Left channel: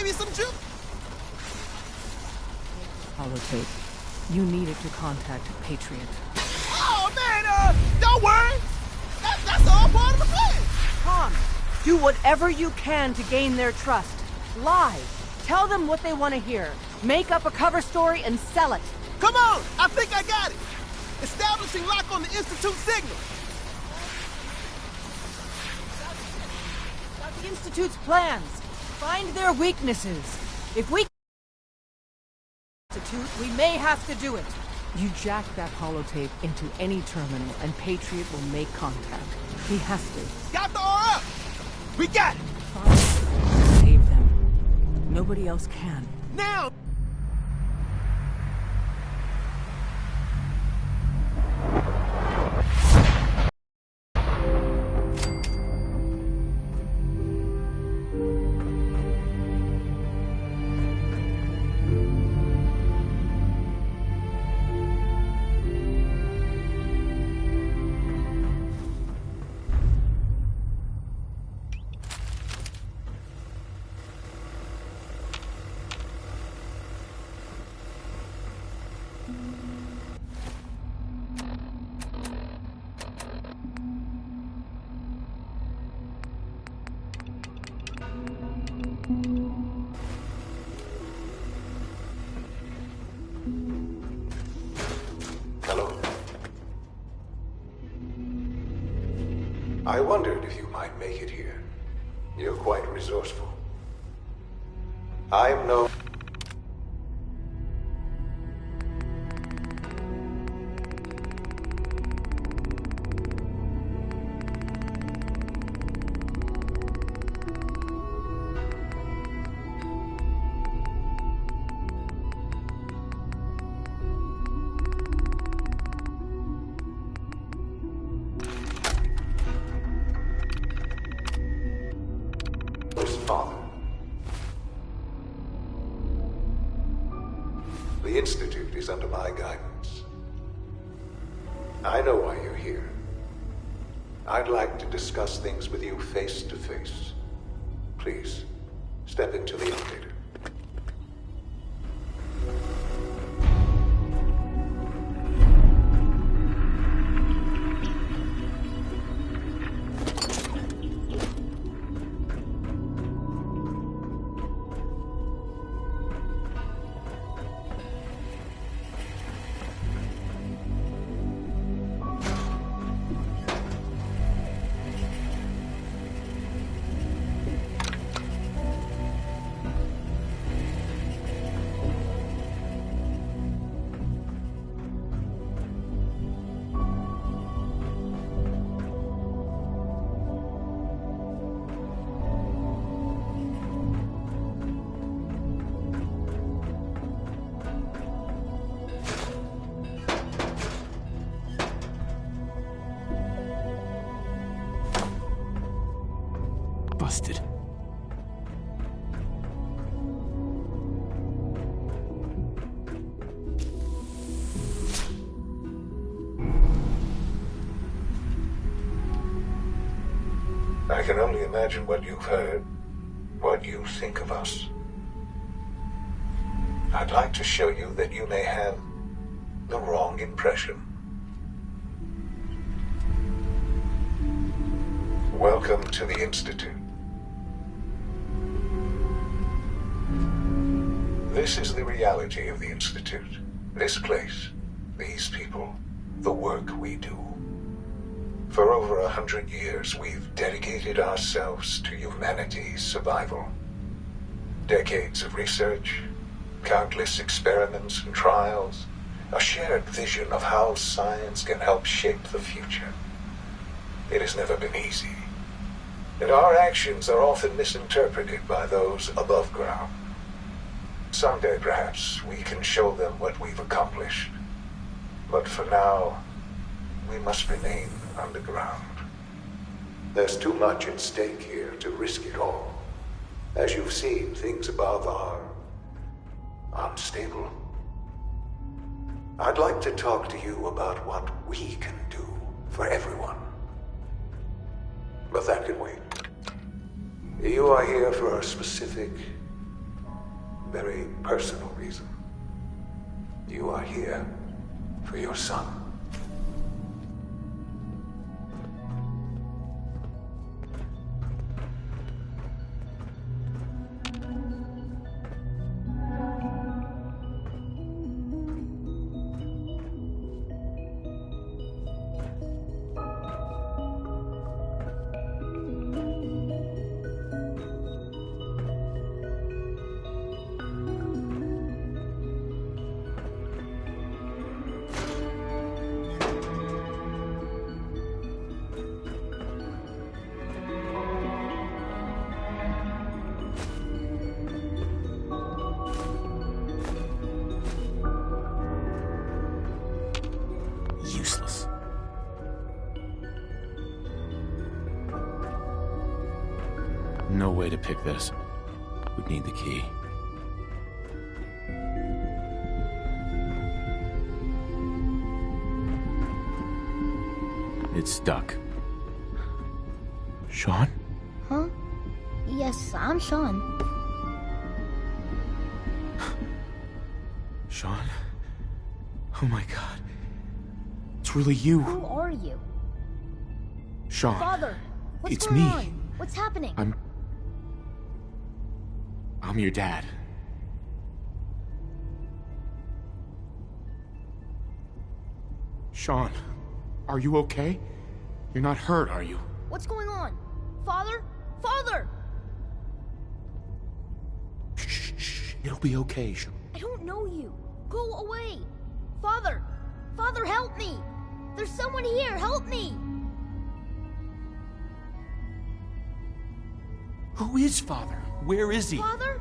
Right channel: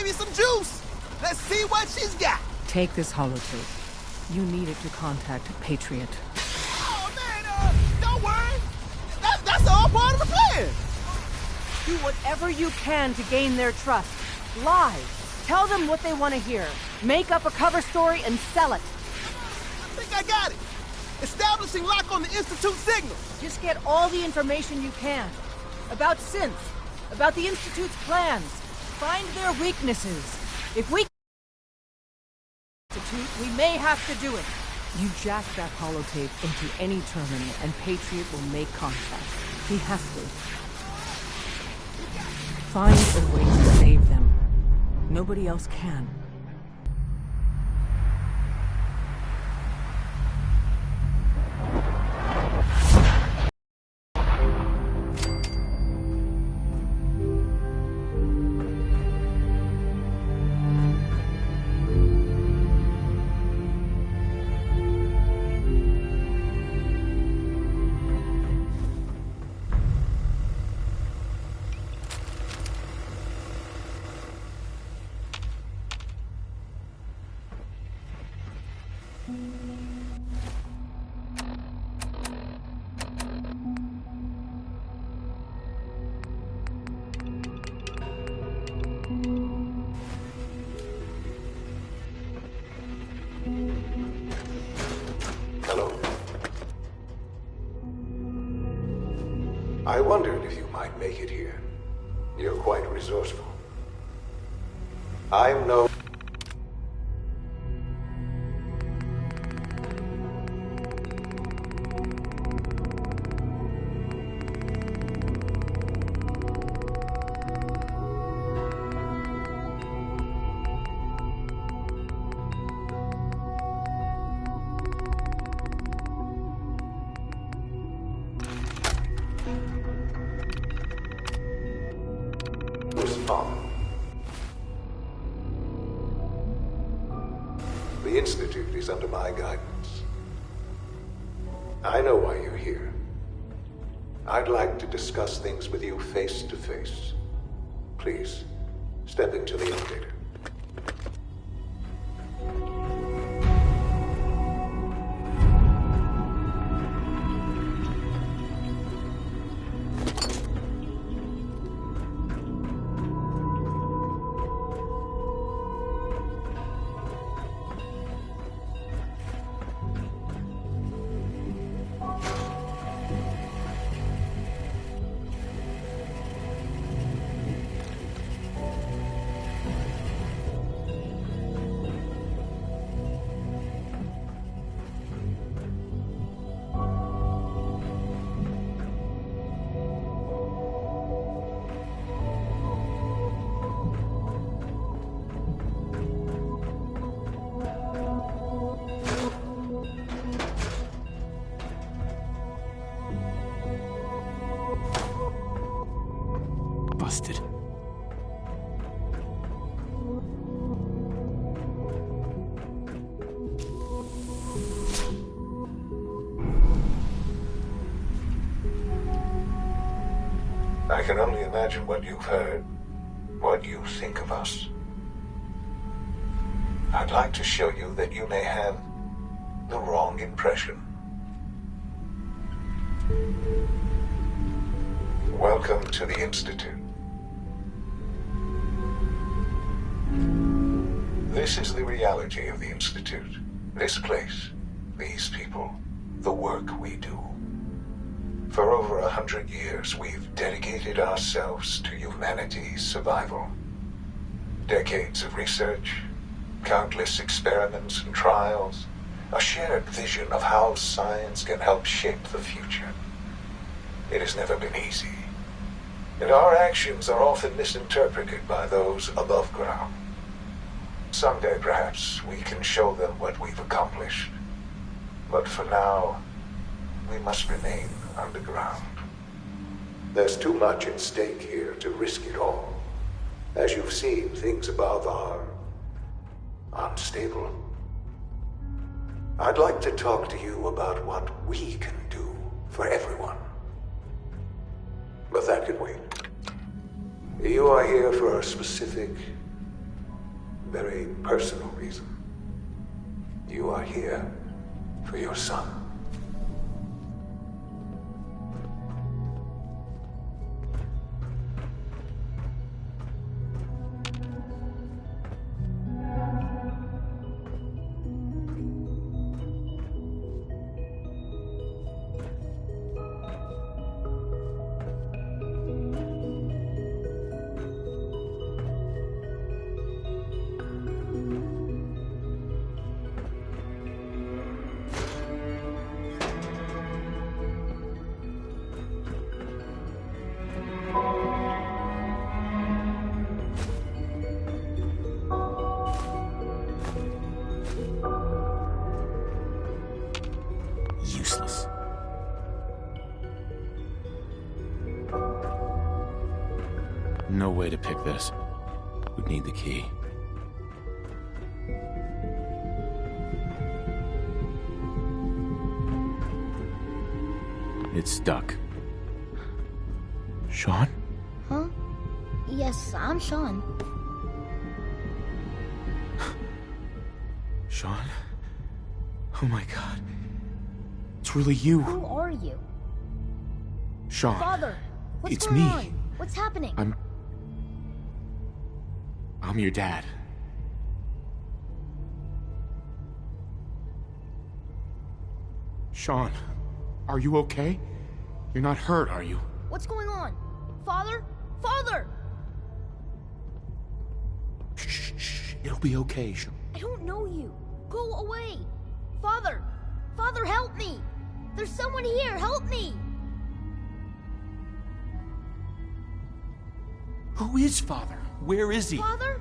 baby some juice. Let's see what she's got. Take this holotape. You need it to contact Patriot. Oh, man, don't worry. That's all part of the plan. Tom, do whatever you can to gain their trust. Lie. Tell them what they want to hear. Make up a cover story and sell it. Come on, I think I got it. Establishing lock on the Institute signal. Just get all the information you can. About Synth. About the Institute's plans. Find their weaknesses. If we Institute, we may have to do it. You jack that holotape into any terminal and Patriot will make contact. He has to. Got the R up. We got it. Find a way to save them. Nobody else can. Now. Hello. I wondered if you might make it here. You're quite resourceful. I'm no... his father. The Institute is under my guidance. I know why you're here. I'd like to discuss things with you face to face. Please, step into the elevator. Busted. I can only imagine what you've heard, what you think of us. I'd like to show you that you may have the wrong impression. Welcome to the Institute. This is the reality of the Institute. This place, these people, the work we do. For over 100 years, we've dedicated ourselves to humanity's survival. Decades of research, countless experiments and trials, a shared vision of how science can help shape the future. It has never been easy, and our actions are often misinterpreted by those above ground. Someday, perhaps, we can show them what we've accomplished. But for now, we must remain underground. There's too much at stake here to risk it all. As you've seen, things above are unstable. I'd like to talk to you about what we can do for everyone. But that can wait. You are here for a specific very personal reason. You are here for your son. Useless. No way to pick this. Would need the key. It's stuck. Sean? Huh? Yes, I'm Sean. Sean? Oh my god. It's really you. Who are you? Sean. Father, what's It's going me. on? What's happening? I'm your dad. Sean, are you okay? You're not hurt, are you? What's going on? Father? Father! Shh. It'll be okay, Sean. I don't know you. Go away. Father! Father, help me! There's someone here, help me! Who is Father? Where is he? Father?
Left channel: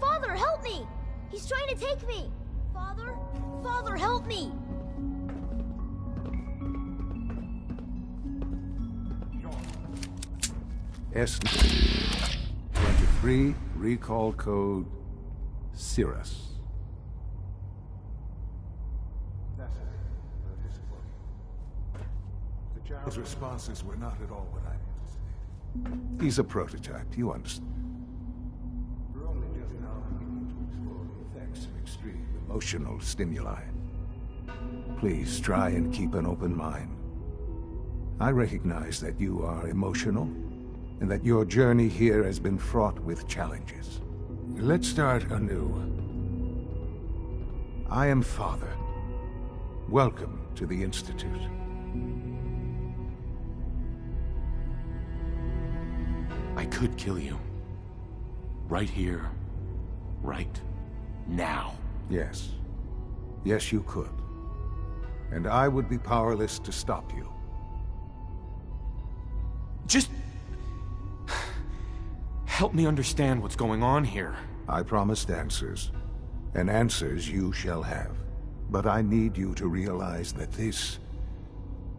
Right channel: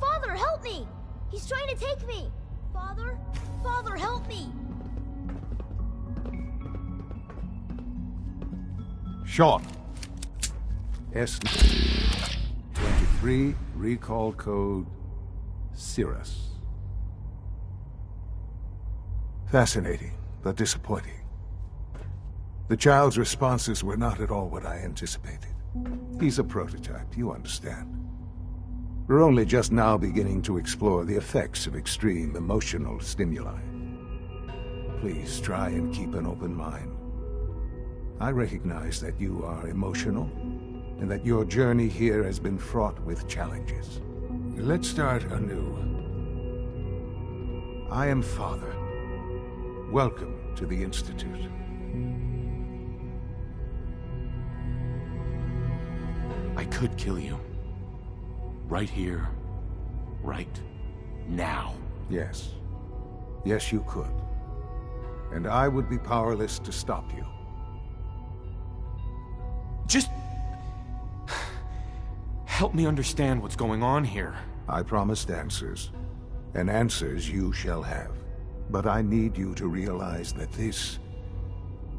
Father, help me! He's trying to take me! Father? Father, help me! Sean. S-23, recall code Cirrus. Fascinating, but disappointing. The child's responses were not at all what I anticipated. He's a prototype, you understand. We're only just now beginning to explore the effects of extreme emotional stimuli. Please try and keep an open mind. I recognize that you are emotional, and that your journey here has been fraught with challenges. Let's start anew. I am Father. Welcome to the Institute. I could kill you. Right here. Right now. Yes. Yes, you could. And I would be powerless to stop you. Just... help me understand what's going on here. I promised answers, and answers you shall have. But I need you to realize that this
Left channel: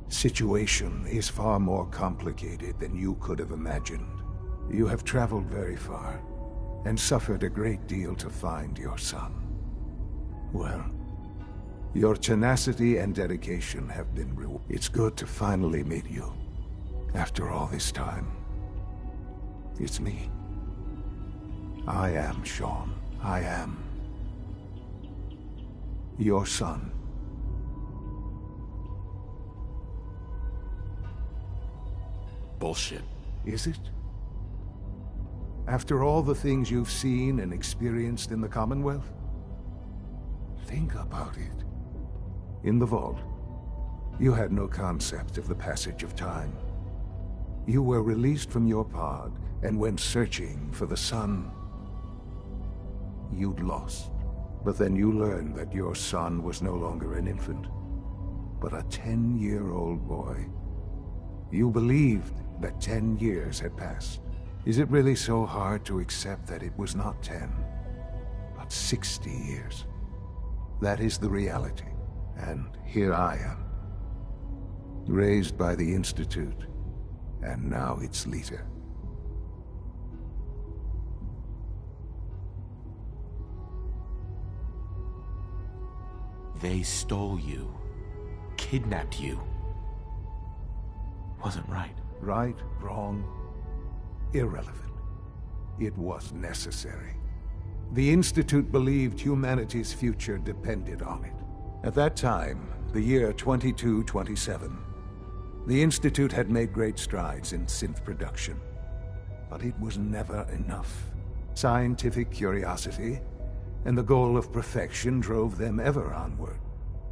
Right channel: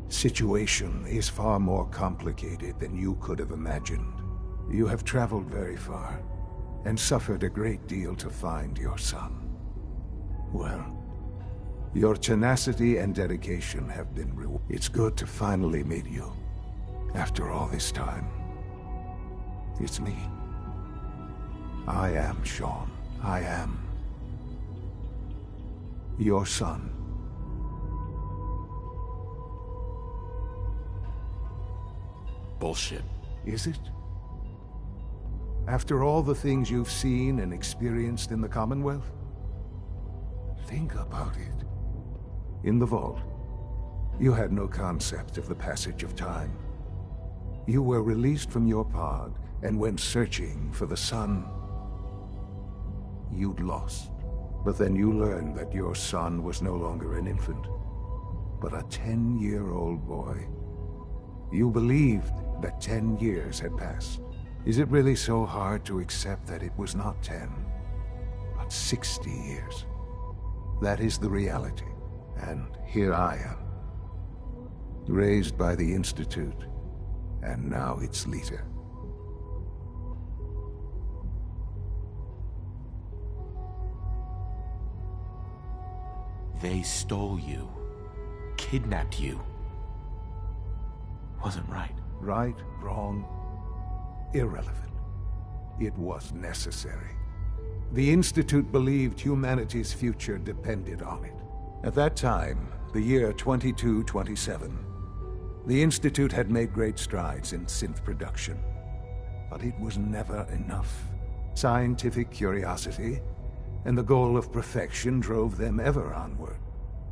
situation is far more complicated than you could have imagined. You have traveled very far, and suffered a great deal to find your son. Well, your tenacity and dedication have been rewarded. It's good to finally meet you. After all this time, it's me. I am Sean. I am your son. Bullshit. Is it? After all the things you've seen and experienced in the Commonwealth? Think about it. In the vault, you had no concept of the passage of time. You were released from your pod and went searching for the son you'd lost. But then you learned that your son was no longer an infant, but a 10-year-old boy. You believed that 10 years had passed. Is it really so hard to accept that it was not 10, but 60 years? That is the reality. And here I am, raised by the Institute, and now its leader. They stole you. Kidnapped you. Wasn't right. The Institute believed humanity's future depended on it. At that time, the year 2227, the Institute had made great strides in synth production. But it was never enough. Scientific curiosity and the goal of perfection drove them ever onward.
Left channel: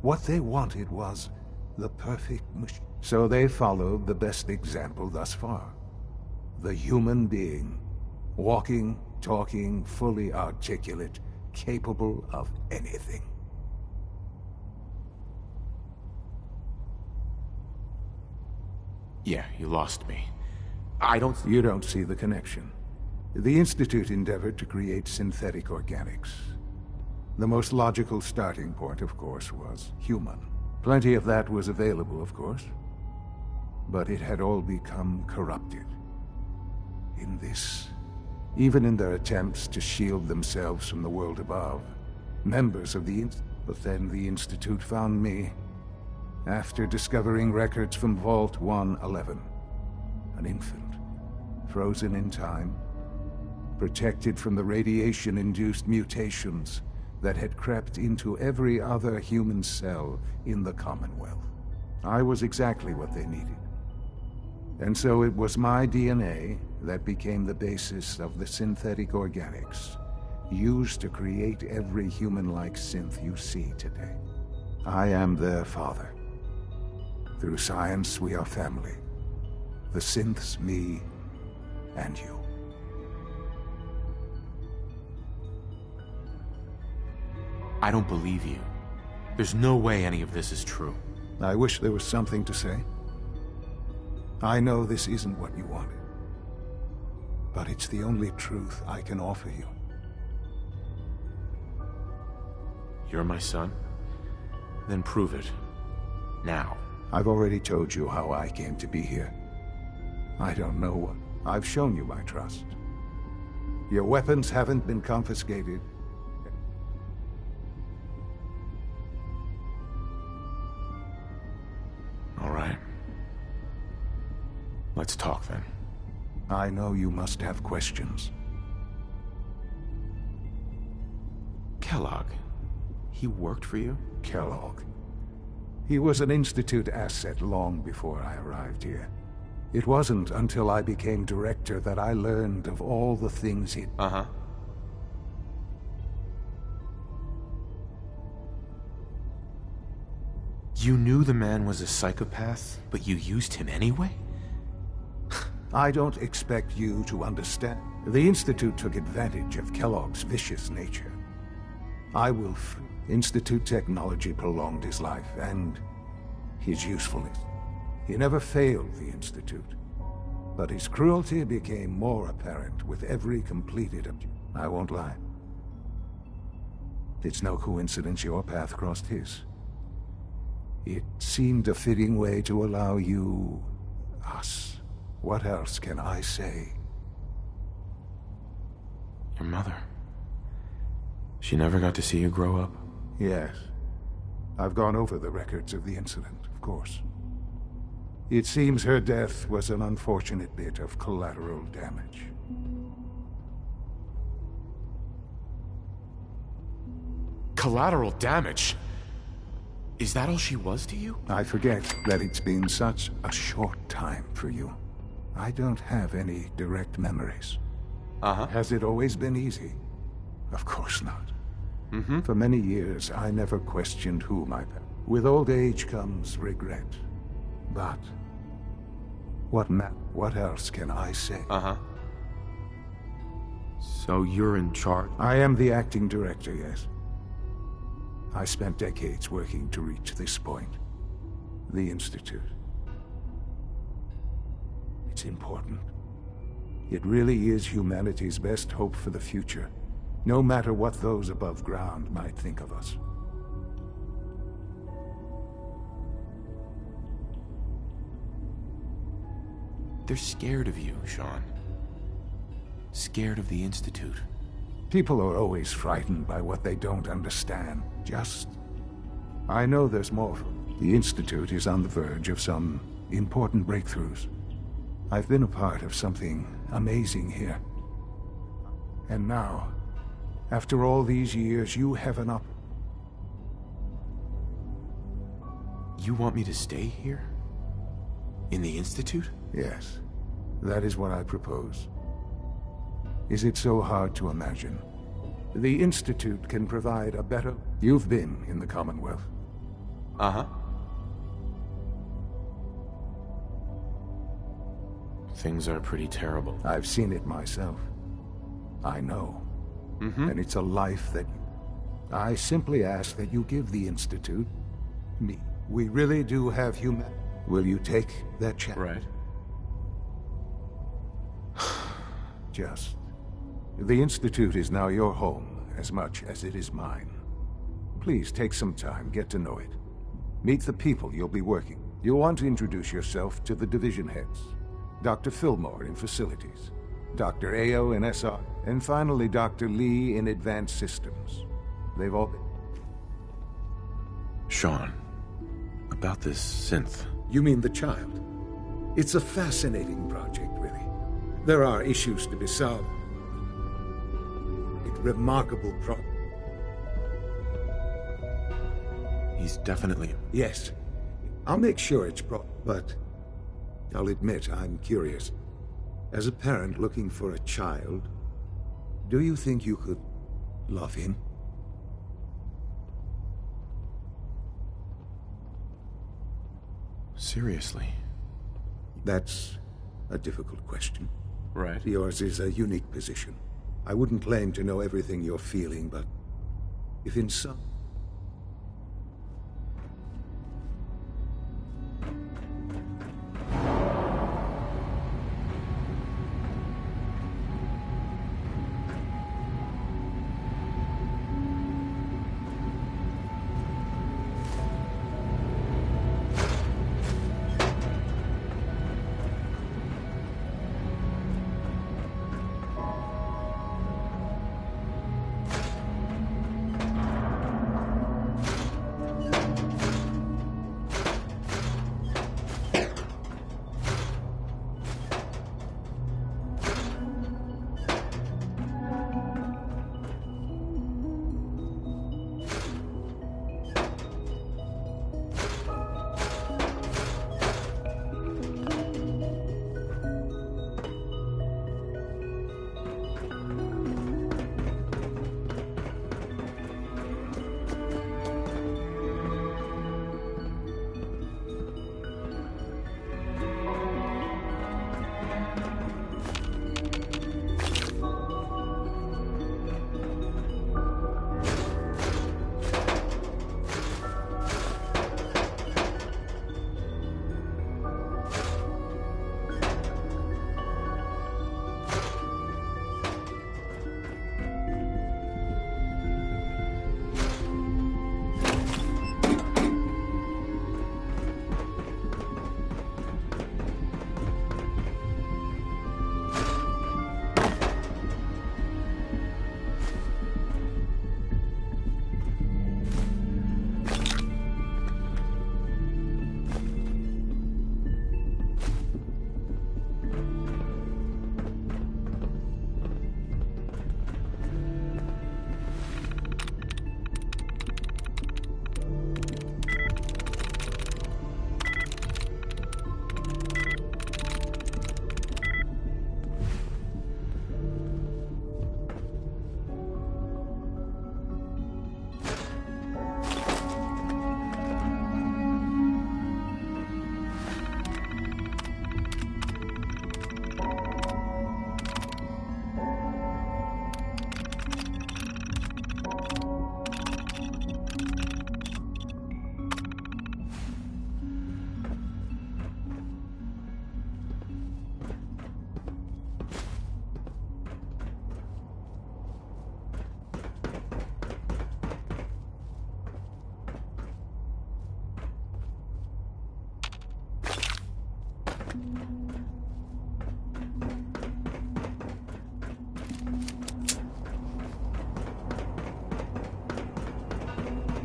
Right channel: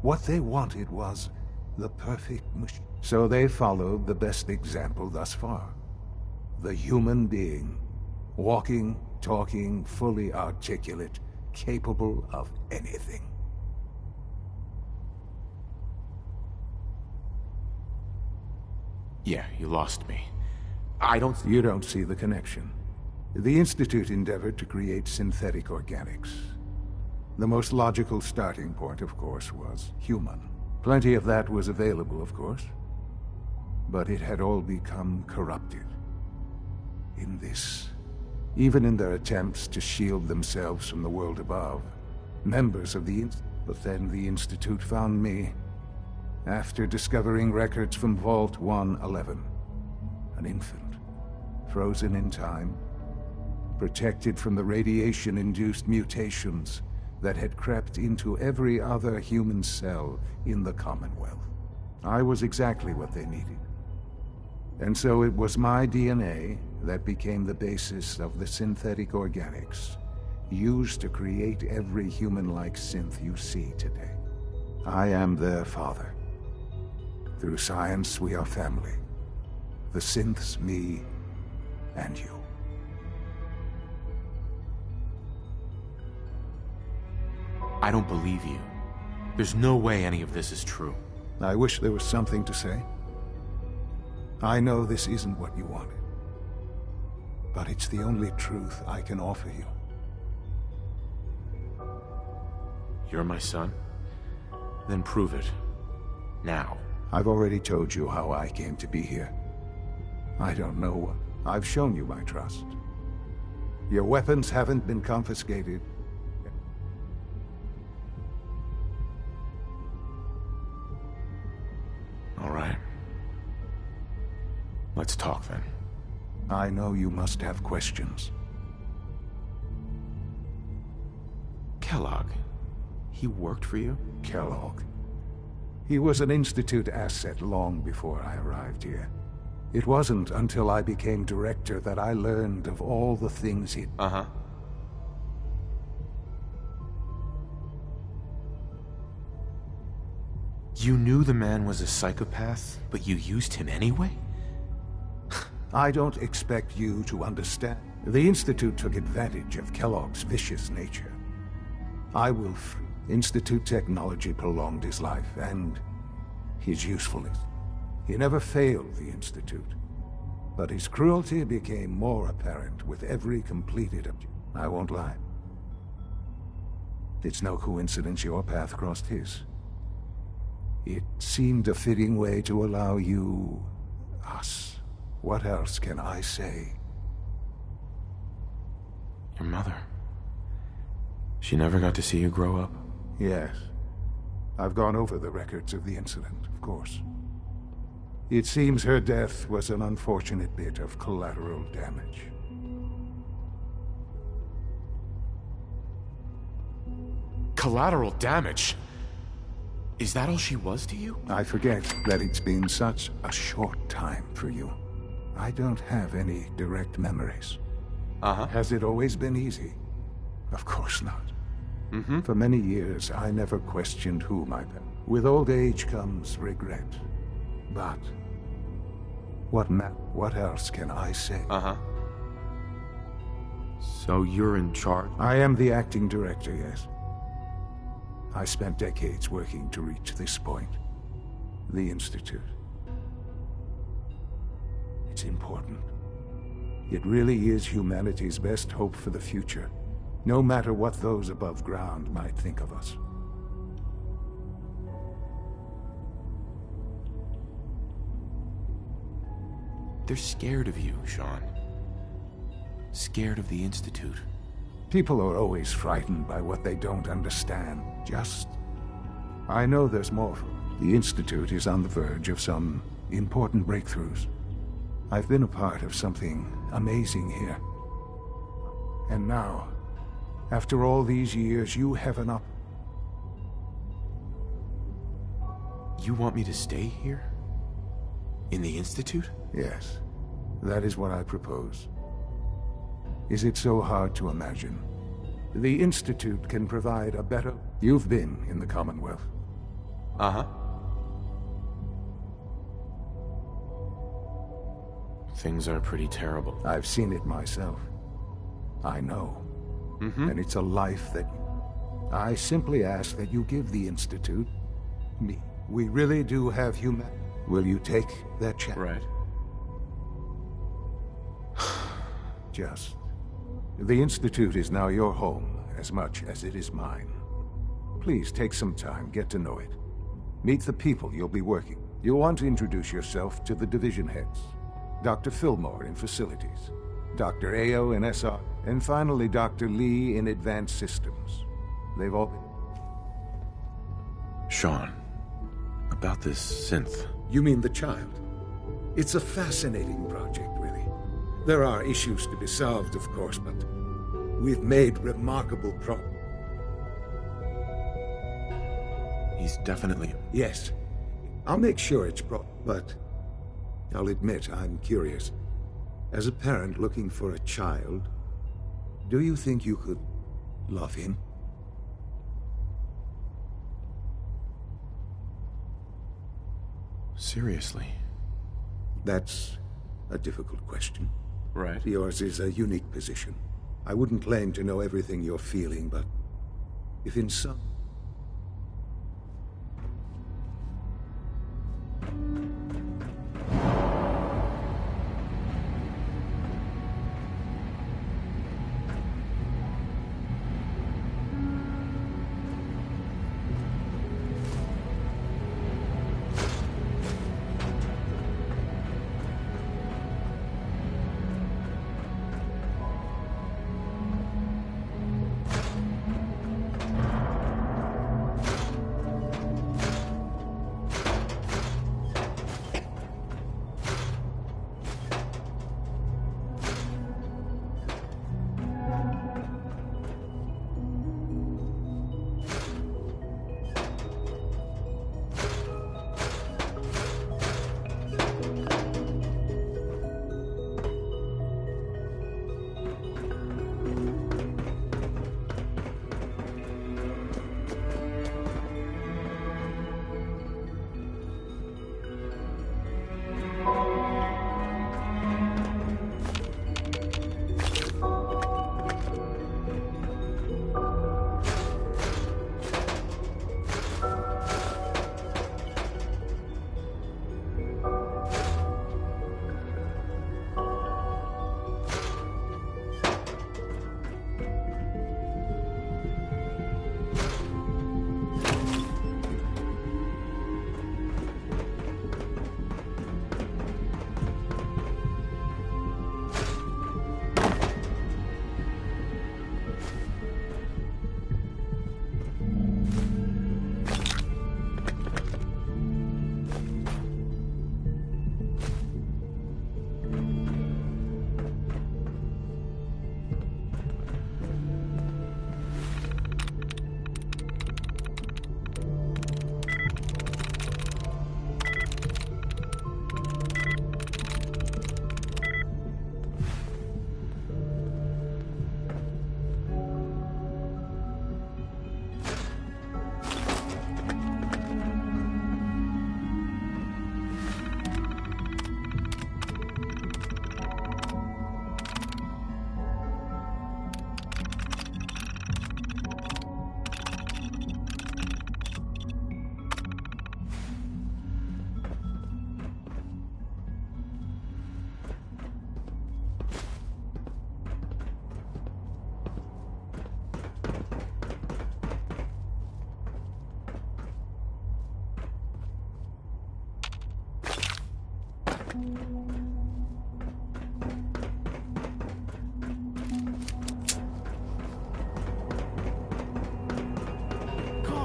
What they wanted was the perfect machine. So they followed the best example thus far. The human being. Walking, talking, fully articulate, capable of anything. Yeah, you lost me. You don't see the connection. The Institute endeavored to create synthetic organics. The most logical starting point, of course, was human. Plenty of that was available, of course. But it had all become corrupted. In this, even in their attempts to shield themselves from the world above, members of the But then the Institute found me, after discovering records from Vault 111. An infant, frozen in time, protected from the radiation-induced mutations that had crept into every other human cell in the Commonwealth. I was exactly what they needed. And so it was my DNA that became the basis of the synthetic organics used to create every human-like synth you see today. I am their father. Through science, we are family. The synths, me, and you. I don't believe you. There's no way any of this is true. I wish there was something to say. I know this isn't what you wanted. But it's the only truth I can offer you. You're my son? Then prove it. Now. I've already told you how I came to be here. I don't know what. I've shown you my trust. Your weapons haven't been confiscated. All right. Let's talk then. I know you must have questions. Kellogg. He worked for you? Kellogg. He was an Institute asset long before I arrived here. It wasn't until I became director that I learned of all the things he'd... Uh-huh. You knew the man was a psychopath, but you used him anyway? I don't expect you to understand. The Institute took advantage of Kellogg's vicious nature. I will free. Institute technology prolonged his life and his usefulness. He never failed the Institute, but his cruelty became more apparent with every completed objective. I won't lie. It's no coincidence your path crossed his. It seemed a fitting way to allow you... us. What else can I say? Your mother. She never got to see you grow up? Yes. I've gone over the records of the incident, of course. It seems her death was an unfortunate bit of collateral damage. Collateral damage? Is that all she was to you? I forget that it's been such a short time for you. I don't have any direct memories. Uh-huh. Has it always been easy? Of course not. Mm-hmm. For many years, I never questioned who my parents. With old age comes regret. But what else can I say? Uh-huh. So you're in charge? I am the acting director, yes. I spent decades working to reach this point. The Institute. It's important. It really is humanity's best hope for the future, no matter what those above ground might think of us. They're scared of you, Sean. Scared of the Institute. People are always frightened by what they don't understand. I know there's more. The Institute is on the verge of some important breakthroughs. I've been a part of something amazing here. And now, After all these years, you have an op... You want me to stay here? In the Institute? Yes, that is what I propose. Is it so hard to imagine? The Institute can provide a better... You've been in the Commonwealth. Uh-huh. Things are pretty terrible. I've seen it myself. I know. Mm-hmm. And it's a life that... I simply ask that you give the Institute... me. We really do have human... Will you take that chance? Right. Just. The Institute is now your home, as much as it is mine. Please take some time, get to know it. Meet the people you'll be working. You'll want to introduce yourself to the division heads. Dr. Fillmore in Facilities, Dr. Ao in SR, and finally Dr. Lee in Advanced Systems. They've all been... Sean, about this synth. You mean the child? It's a fascinating project, really. There are issues to be solved, of course, but we've made remarkable progress. He's definitely... Yes. I'll make sure it's but I'll admit I'm curious. As a parent looking for a child, do you think you could love him? Seriously? That's a difficult question. Right. Yours is a unique position. I wouldn't claim to know everything you're feeling, but if in some...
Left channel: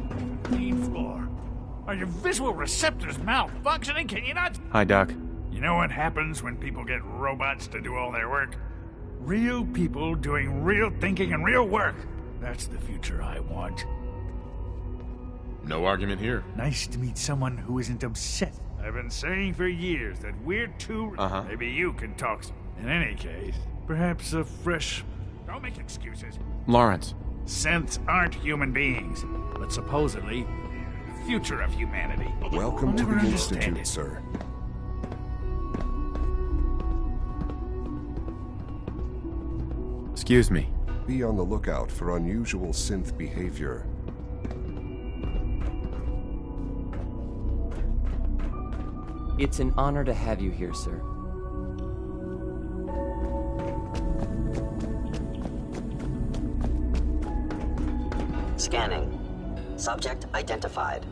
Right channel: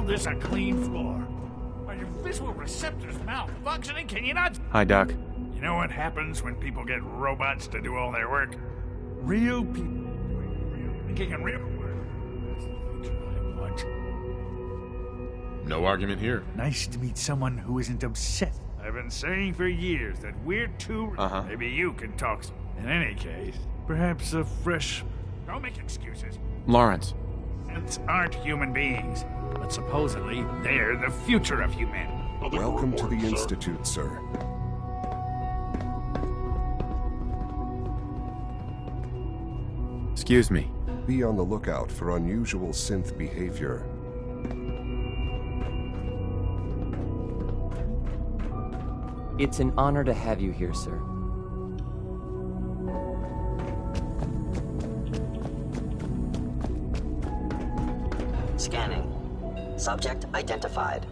This a clean floor. Are your visual receptors malfunctioning? Can you not? Hi, Doc. You know what happens when people get robots to do all their work? Real people doing real thinking and real work. That's the future I want. No argument here. Nice to meet someone who isn't upset. I've been saying for years that we're too... Maybe you can talk some. In any case, perhaps a fresh... Don't make excuses. Lawrence. Synths aren't human beings, but supposedly they're the future of humanity. Welcome to the Institute, sir. Excuse me. Be on the lookout for unusual synth behavior. It's an honor to have you here, sir. Scanning. Subject identified.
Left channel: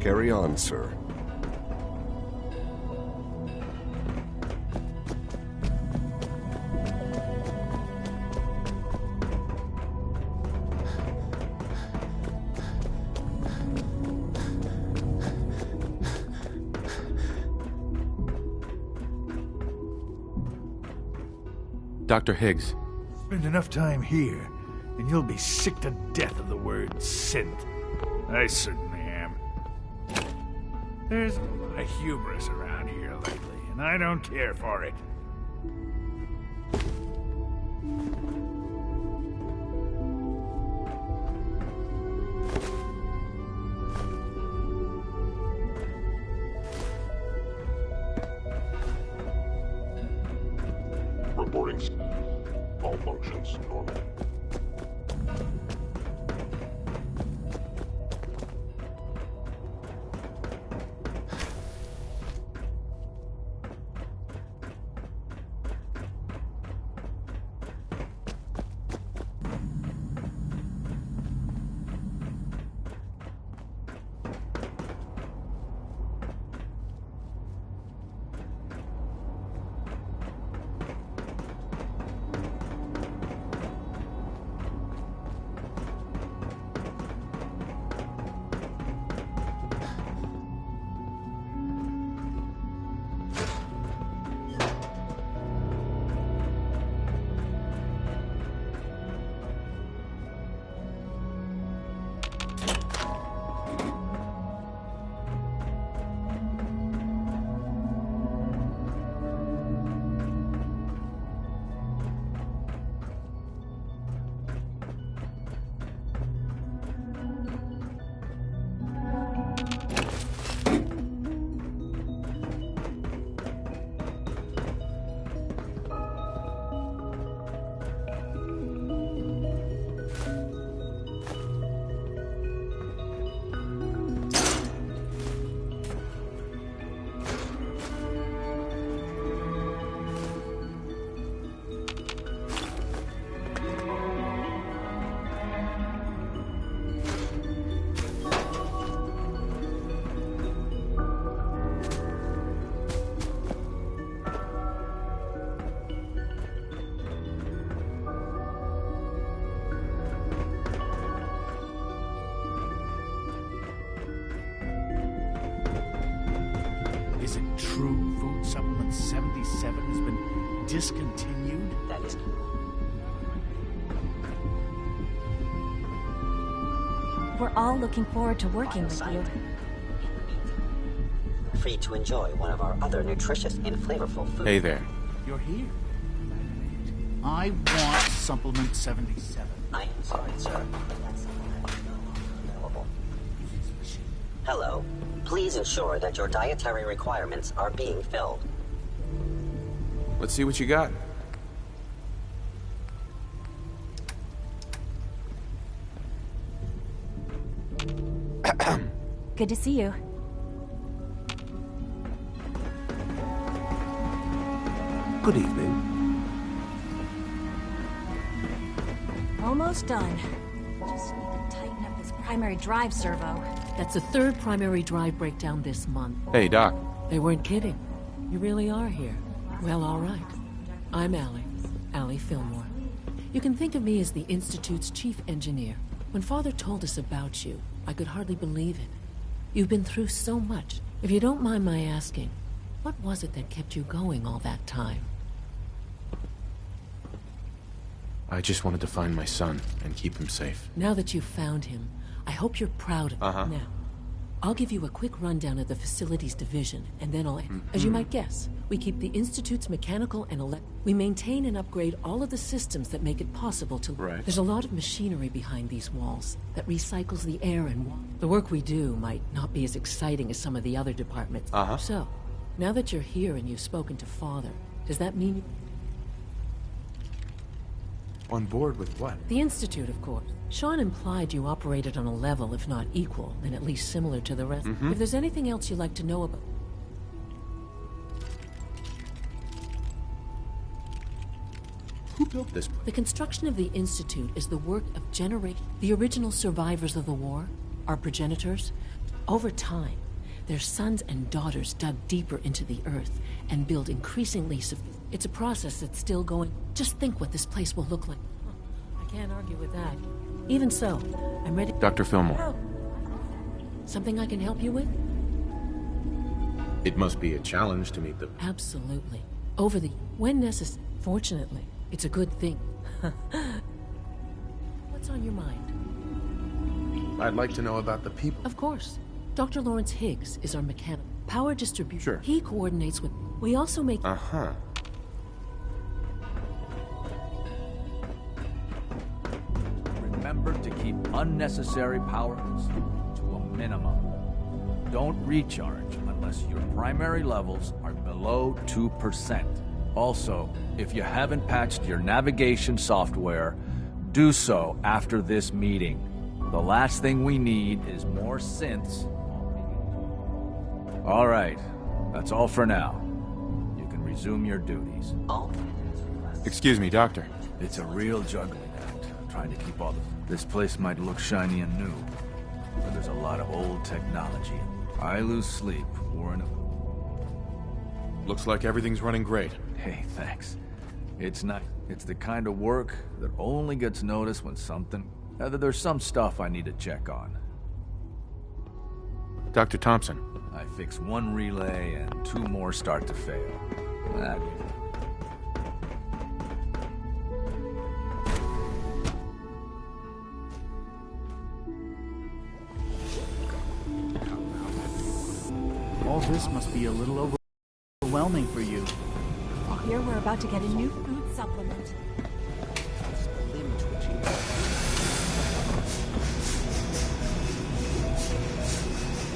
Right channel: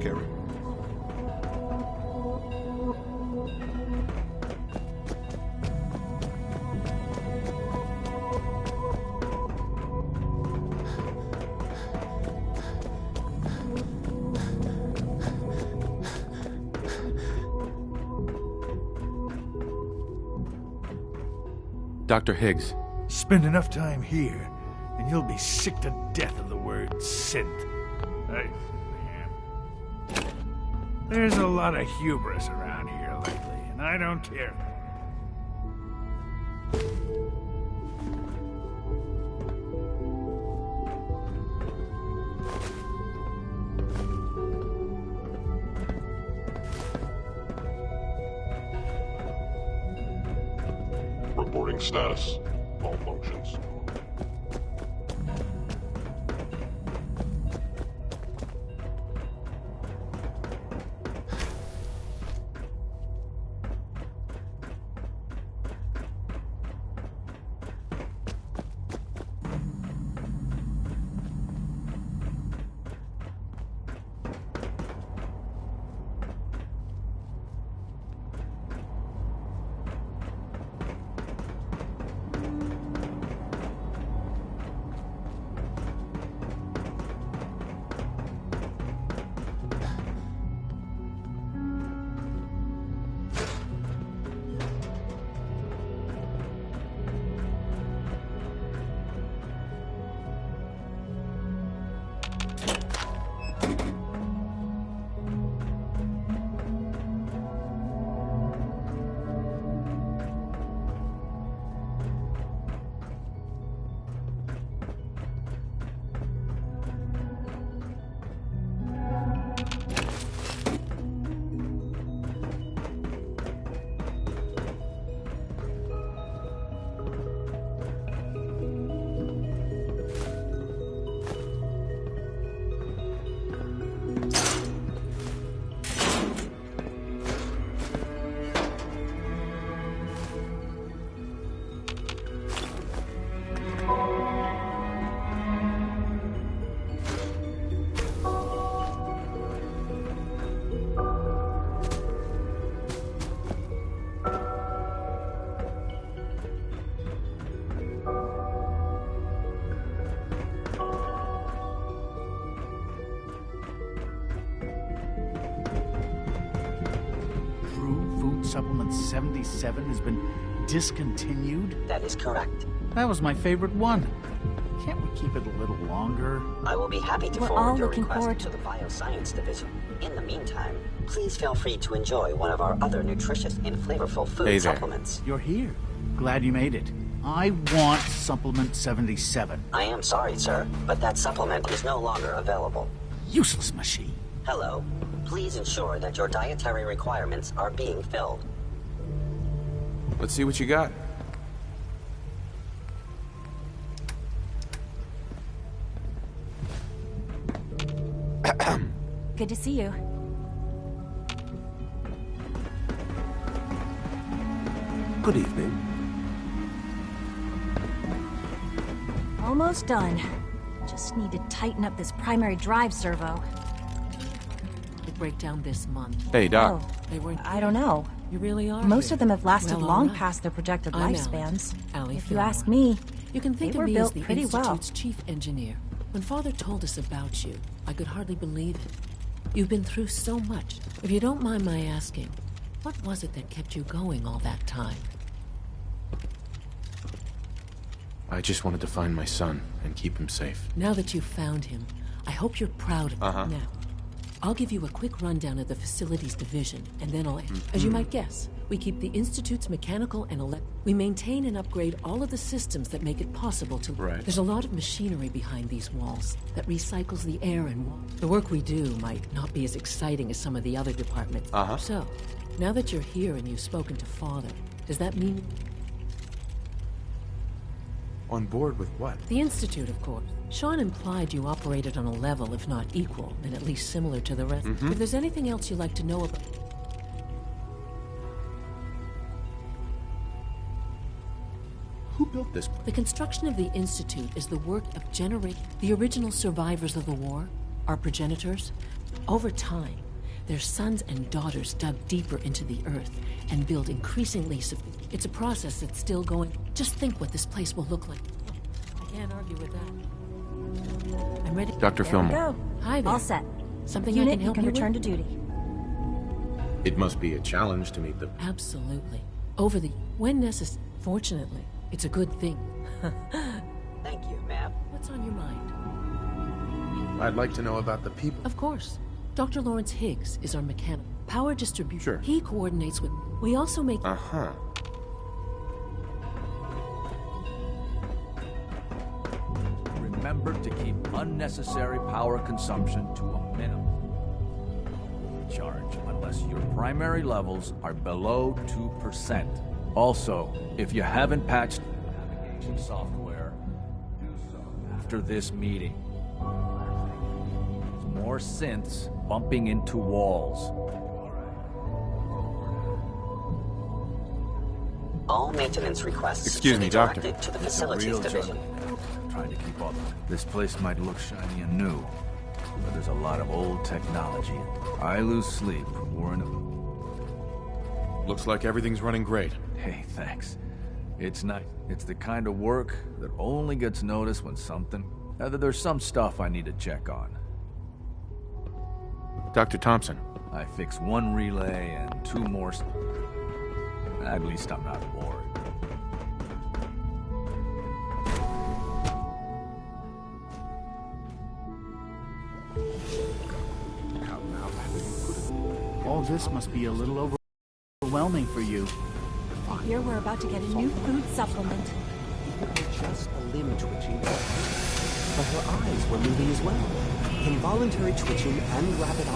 Carry on, sir. Dr. Higgs. Spend enough time here, and you'll be sick to death of the word synth. I certainly am. There's a lot of hubris around here lately, and I don't care for it. Reporting status. All functions normal. True Food Supplement 77 has been discontinued? That is correct. That was my favorite one. Can't we keep it a little longer? I will be happy to We're forward all your looking request forward to to the working with Bioscience Division. In the meantime, please feel free to enjoy one of our other nutritious and flavorful food Hey there. supplements. You're here. Glad you made it. I want Supplement 77. I am sorry, sir, but that supplement is no longer available. Useless machine. Hello. Please ensure that your dietary requirements are being filled. Let's see what you got. Good to see you. Good evening. Almost done. Just need to tighten up this primary drive servo. That's the third primary drive breakdown this month. Hey, Doc. They weren't kidding. I don't know. You really are Most here. of them have lasted Well, all long right. past their projected I'm lifespans. Allie If you Fillmore. ask me, You can think they of were me as built the pretty well. Institute's chief engineer. When Father told us about you, I could hardly believe it. You've been through so much. If you don't mind my asking, what was it that kept you going all that time? I just wanted to find my son and keep him safe. Now that you've found him, I hope you're proud of him. Uh-huh. Now, I'll give you a quick rundown of the facilities division, and then I'll... As you might guess, we keep the Institute's mechanical and we maintain and upgrade all of the systems that make it possible to... Right. There's a lot of machinery behind these walls that recycles the air and water. The work we do might not be as exciting as some of the other departments. Uh-huh. So, now that you're here and you've spoken to Father, does that mean... On board with what? The Institute, of course. Sean implied you operated on a level, if not equal, then at least similar to the rest. If there's anything else you'd like to know about... Who built this place? The construction of the Institute is the work of the original survivors of the war, our progenitors. Over time, their sons and daughters dug deeper into the earth and built increasingly It's a process that's still going. Just think what this place will look like. Oh, I can't argue with that. Even so, I'm ready. Dr. Fillmore. Go. Hi there. All set. Something I Unit, can help you return with? to duty. It must be a challenge to meet the... Absolutely. When necessary. Fortunately, it's a good thing. Thank you, ma'am. What's on your mind? I'd like to know about the people. Of course. Dr. Lawrence Higgs is our mechanic. Power distribution. Sure. He coordinates with... We also make... Uh-huh. Remember to keep unnecessary power consumption to a minimum. Don't recharge unless your primary levels are below 2%. Also, if you haven't patched your navigation software, do so after this meeting. The last thing we need is more synths bumping into walls. All right, that's all for now. You can resume your duties. All maintenance requests. Excuse me, Doctor. directed to the It's a facilities real division. juggling act, trying to keep all the... This place might look shiny and new, but there's a lot of old technology. I lose sleep worrying about... Looks like everything's running great. Hey, thanks. It's nice. It's the kind of work that only gets noticed when there's some stuff I need to check on. Dr. Thompson. I fix one relay and 2 more start to fail. At least I'm not bored. All this must be a little overwhelming for you. I hear we're about to get a new food supplement. Just a limb twitching, but her eyes were moving as well. Involuntary twitching and rapid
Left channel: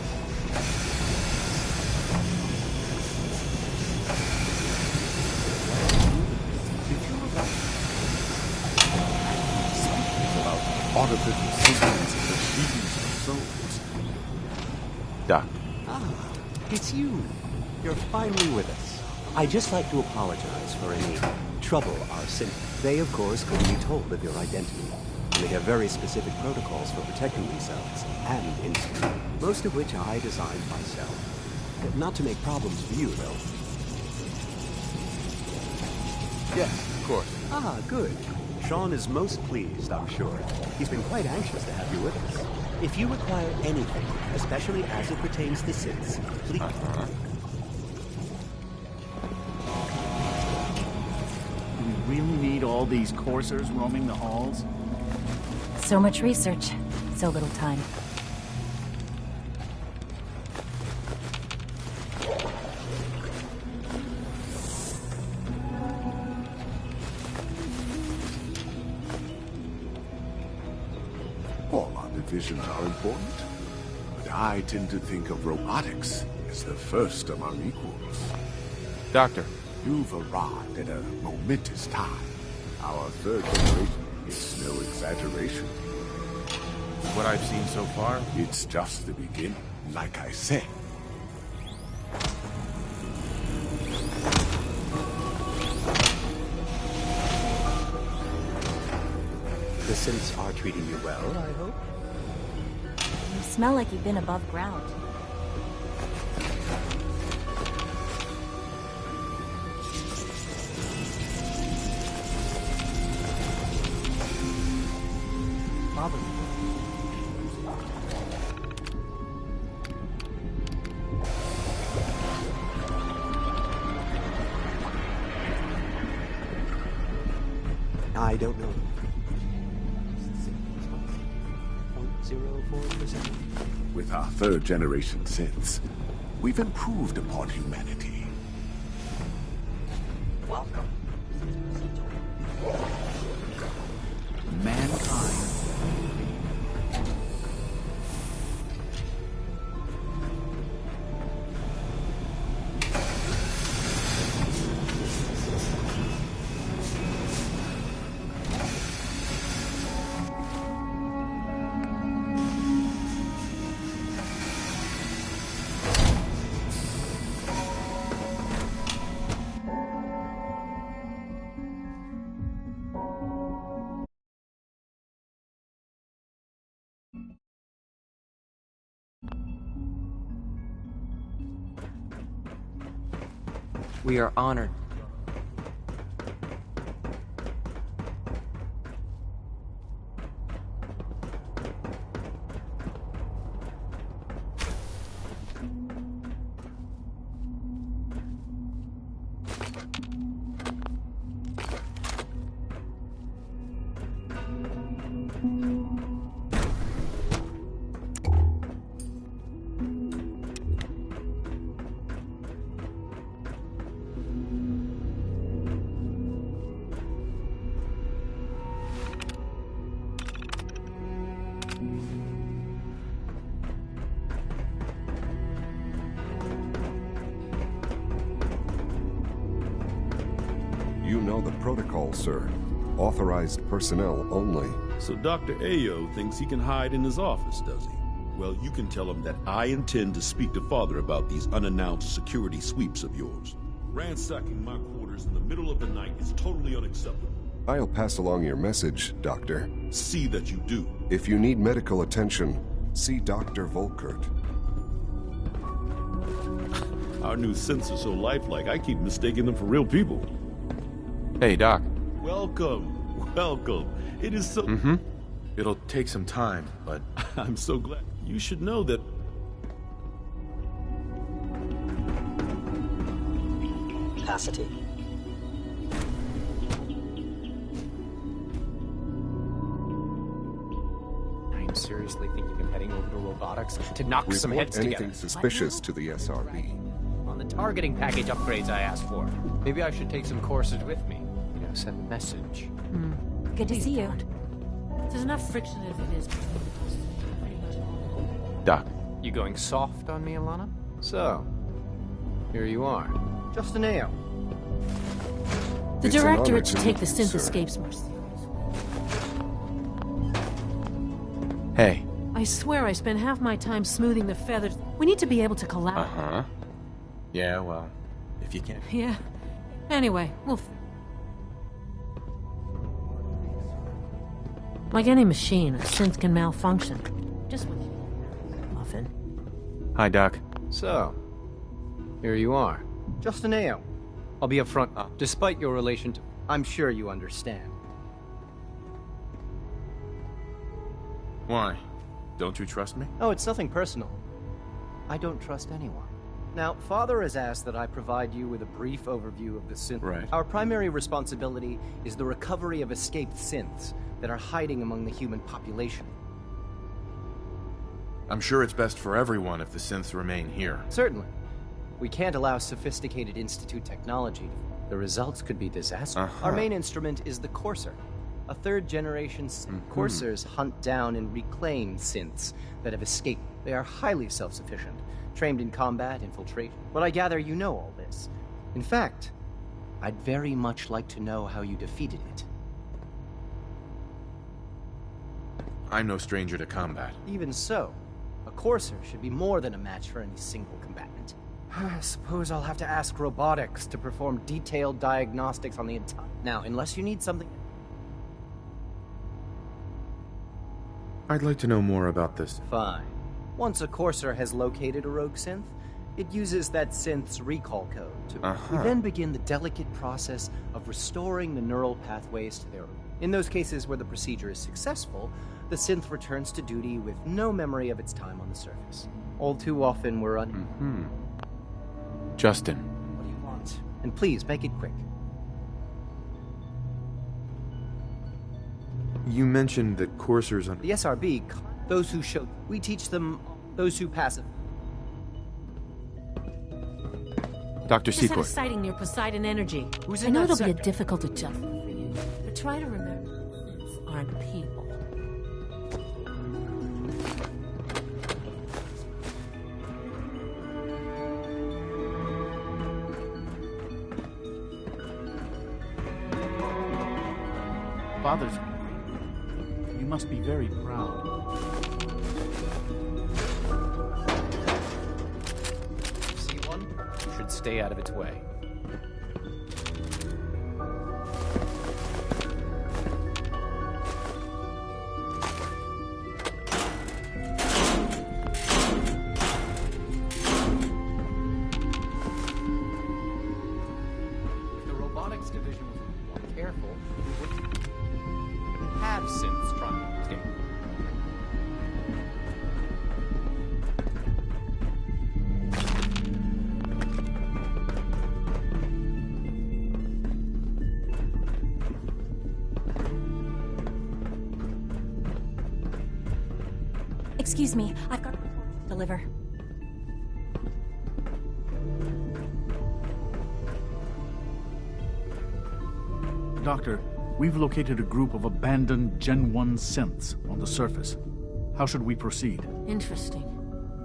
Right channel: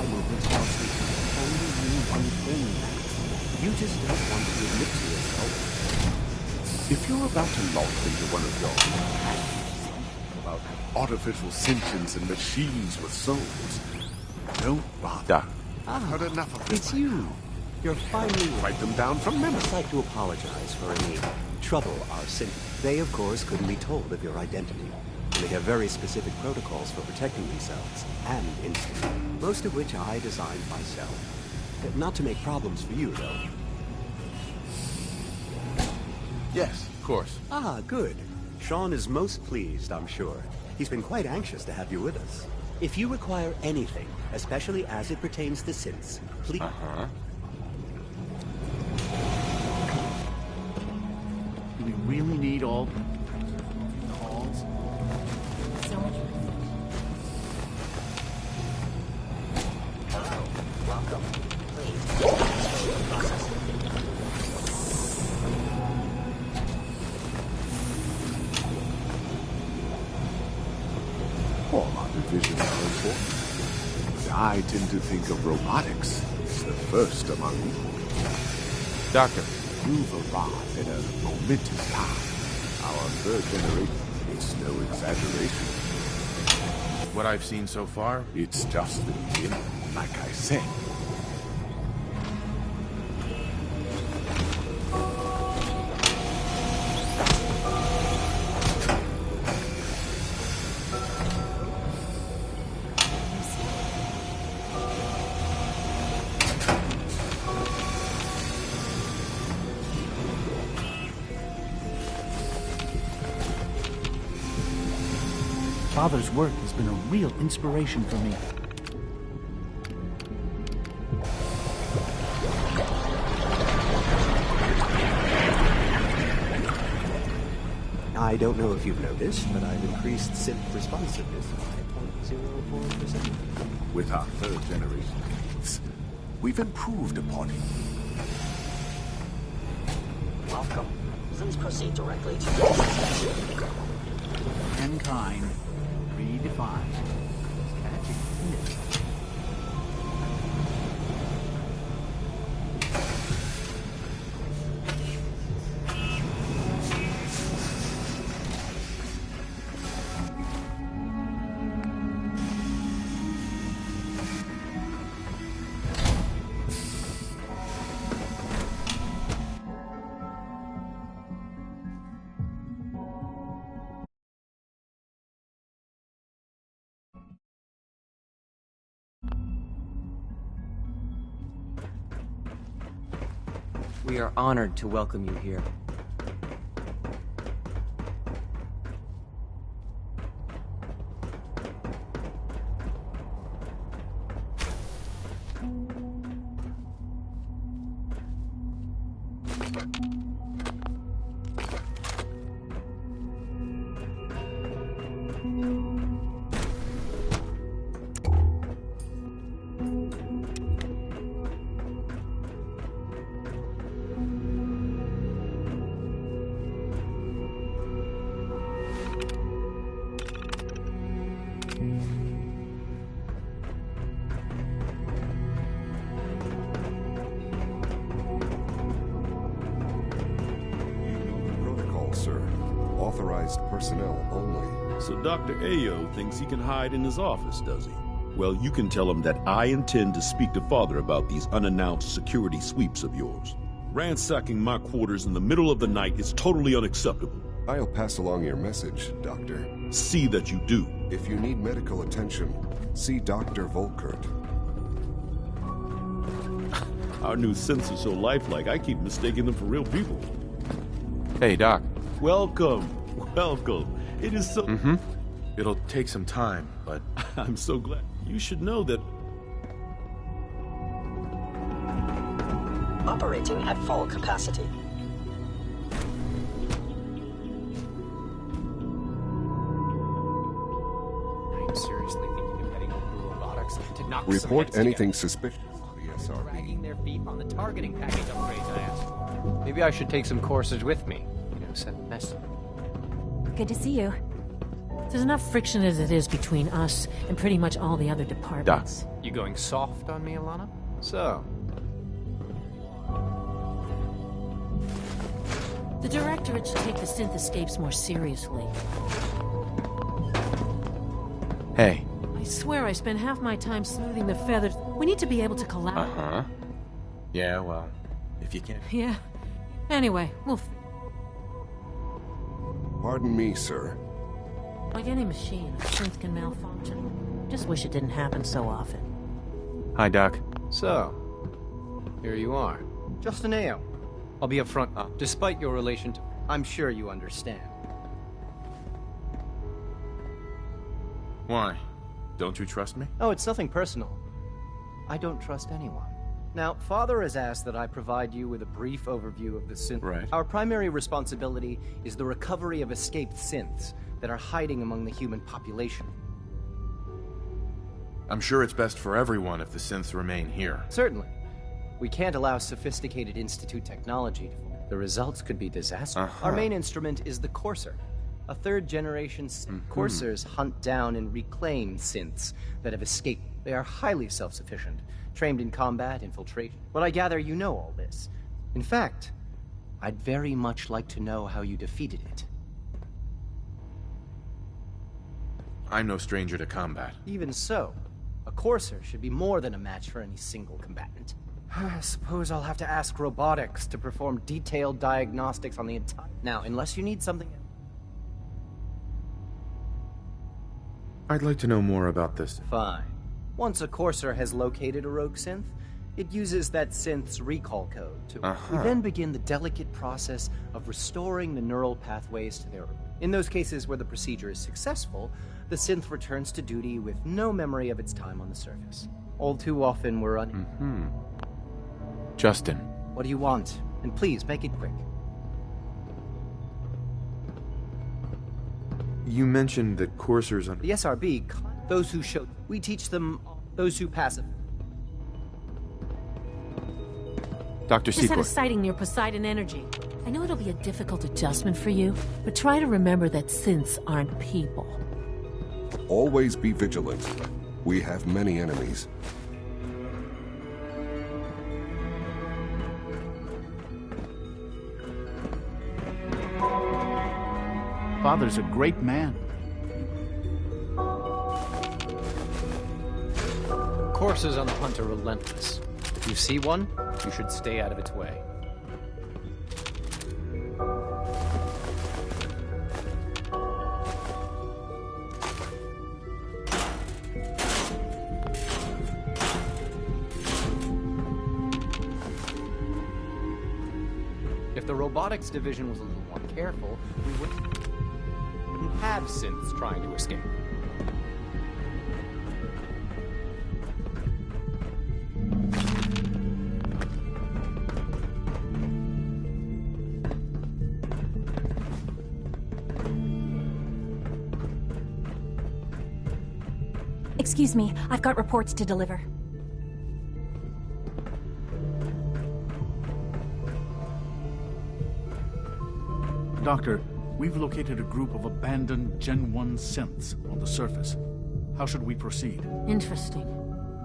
If you're about to log into one of those something about artificial sentience and machines for souls, don't bother. Doc. it's you. You're finally with Write them down from I'd just like to apologize for any trouble our city. They, of course, couldn't be told of your identity. They have very specific protocols for protecting themselves and Institute, most of which I designed myself. Not to make problems for you, though. Yes, of course. Ah, good. Sean is most pleased, I'm sure. He's been quite anxious to have you with us. If you require anything, especially as it pertains to synths, please... Do we really need all these coursers roaming the halls? So much research, so little time. All our divisions are important, but I tend to think of robotics as the first among equals. Doctor. You've arrived at a momentous time. Our third generation is no exaggeration. What I've seen so far? It's just the beginning. like I said. The synths are treating you well, I hope. You smell like you've been above ground. Father's work has been a real inspiration for me. I don't know if you've noticed, but I've increased synth responsiveness by 0.04%. With our third-generation synths, we've improved upon humanity. Welcome. Please proceed directly to Mankind redefined. We are honored to welcome you here. You know the protocol, sir. Authorized personnel only. So Dr. Ayo thinks he can hide in his office, does he? Well, you can tell him that I intend to speak to Father about these unannounced security sweeps of yours. Ransacking my quarters in the middle of the night is totally unacceptable. I'll pass along your message, Doctor. See that you do. If you need medical attention, see Dr. Volkert. Our new synths are so lifelike, I keep mistaking them for real people. Hey, Doc. Welcome. Welcome. It is so... Mm-hmm. It'll take some time, but... I'm so glad. You should know that... operating at full capacity. I'm seriously thinking of heading over to robotics to knock some Report heads anything together. suspicious to the SRB. Dragging their feet on the targeting package upgrades I asked for. Maybe I should take some courses with me. You know, send a message. Good to see you. There's enough friction as it is between us and pretty much all the other departments. Doc. You going soft on me, Alana? So, here you are. Just an ale. The Directorate should take the synth escapes more seriously. Hey. I swear I spend half my time smoothing the feathers. We need to be able to collapse. Uh-huh. Yeah, well, if you can. Yeah. Anyway, Pardon me, sir. like any machine, a synth can malfunction. Just wish it didn't happen so often. Hi, Doc. So, here you are. Just an ale. I'll be upfront. Despite your relation to... I'm sure you understand. Why? Don't you trust me? Oh, it's nothing personal. I don't trust anyone. Now, Father has asked that I provide you with a brief overview of the synth. Right. Our primary responsibility is the recovery of escaped synths that are hiding among the human population. I'm sure it's best for everyone if the synths remain here. Certainly. We can't allow sophisticated Institute technology to... The results could be disastrous. Our main instrument is the Courser. A third-generation Coursers hunt down and reclaim synths that have escaped. They are highly self-sufficient, trained in combat, infiltration. But I gather you know all this. In fact, I'd very much like to know how you defeated it. I'm no stranger to combat. Even so, a courser should be more than a match for any single combatant. I suppose I'll have to ask robotics to perform detailed diagnostics on the entire... Now, unless you need something... I'd like to know more about this. Fine. Once a courser has located a rogue synth, it uses that synth's recall code to... We then begin the delicate process of restoring the neural pathways to their... In those cases where the procedure is successful, the synth returns to duty with no memory of its time on the surface. All too often we're Justin. What do you want? And please, make it quick. You mentioned that coursers on... The SRB, those who show... We teach them... Those who pass it. Dr. Just had a Secor. sighting near Poseidon Energy. I know it'll be a difficult adjustment for you, but try to remember that synths aren't people. Always be vigilant. We have many enemies. Father's a great man. You must be very proud. Coursers on the hunt are relentless. If you see one, you should stay out of its way. If the robotics division was a little more careful, we wouldn't have synths trying to escape. Excuse me, I've got reports to deliver. Doctor, we've located a group of abandoned Gen 1 synths on the surface. How should we proceed? Interesting.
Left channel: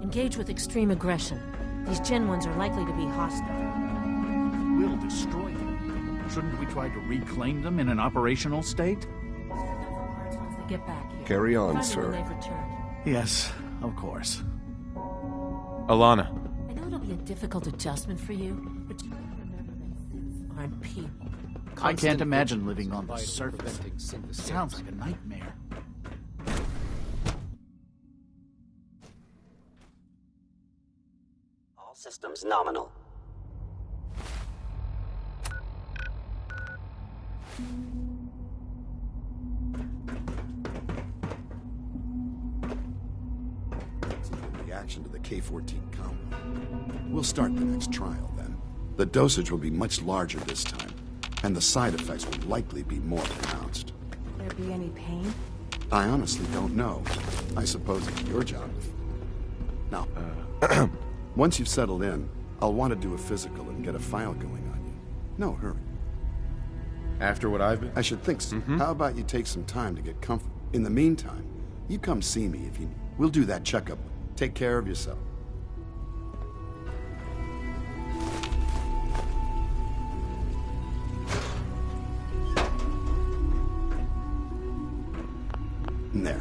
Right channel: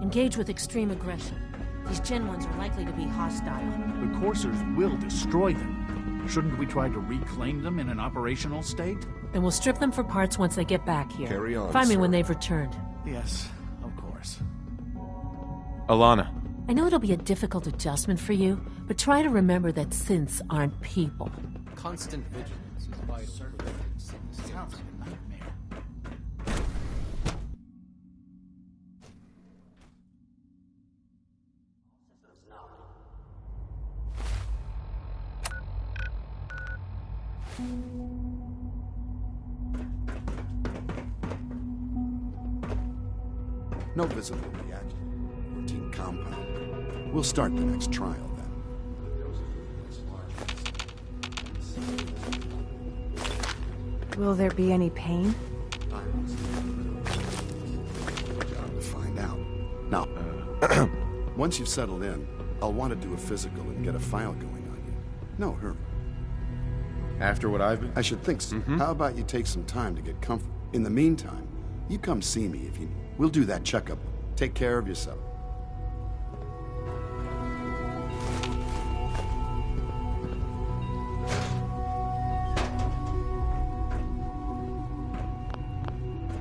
Engage with extreme aggression. These Gen 1s are likely to be hostile. The coursers will destroy them. Shouldn't we try to reclaim them in an operational state? Then we'll strip them for parts once they get back here. Carry on, Find me sir. when they've returned. Yes, of course. Alana. I know it'll be a difficult adjustment for you, but try to remember that synths aren't people. I can't imagine living on the surface. Sounds like a nightmare. All systems nominal. No visible reaction to the K-14 compound. We'll start the next trial then. The dosage will be much larger this time, and the side effects will likely be more pronounced. Will there be any pain? I honestly don't know. I suppose it's your job to find out. Now, once you've settled in, I'll want to do a physical and get a file going on you. No hurry. After what I've been... I should think so. How about you take some time to get comfort? In the meantime, you come see me if you need. We'll do that checkup. Take care of yourself. There.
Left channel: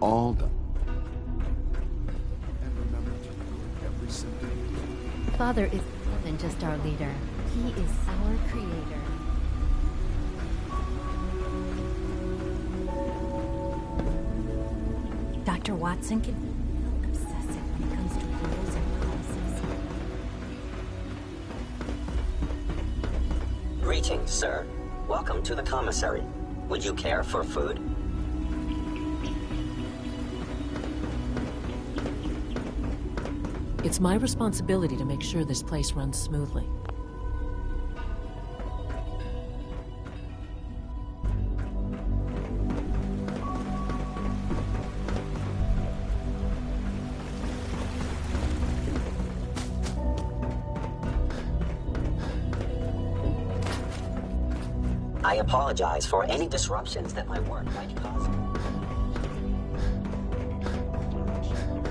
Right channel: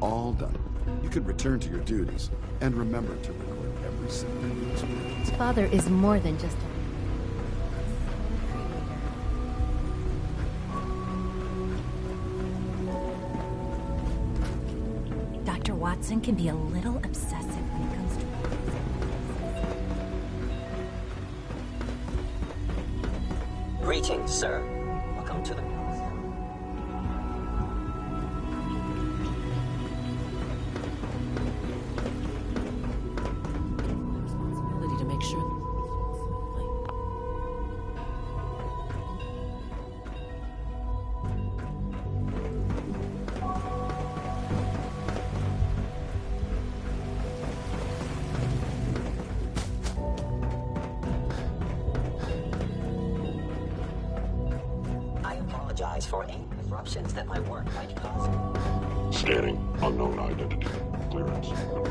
All done. You could return to your duties. And remember to record every symptom you experience. Father is more than just our leader. He is our creator. Dr. Watson can be a little obsessive when it comes to rules and policies. Greetings, sir. Welcome to the commissary. Would you care for food? It's my responsibility to make sure this place runs smoothly. I apologize for any disruptions that my work might cause. Scanning. Unknown identity. Clearance confirmed.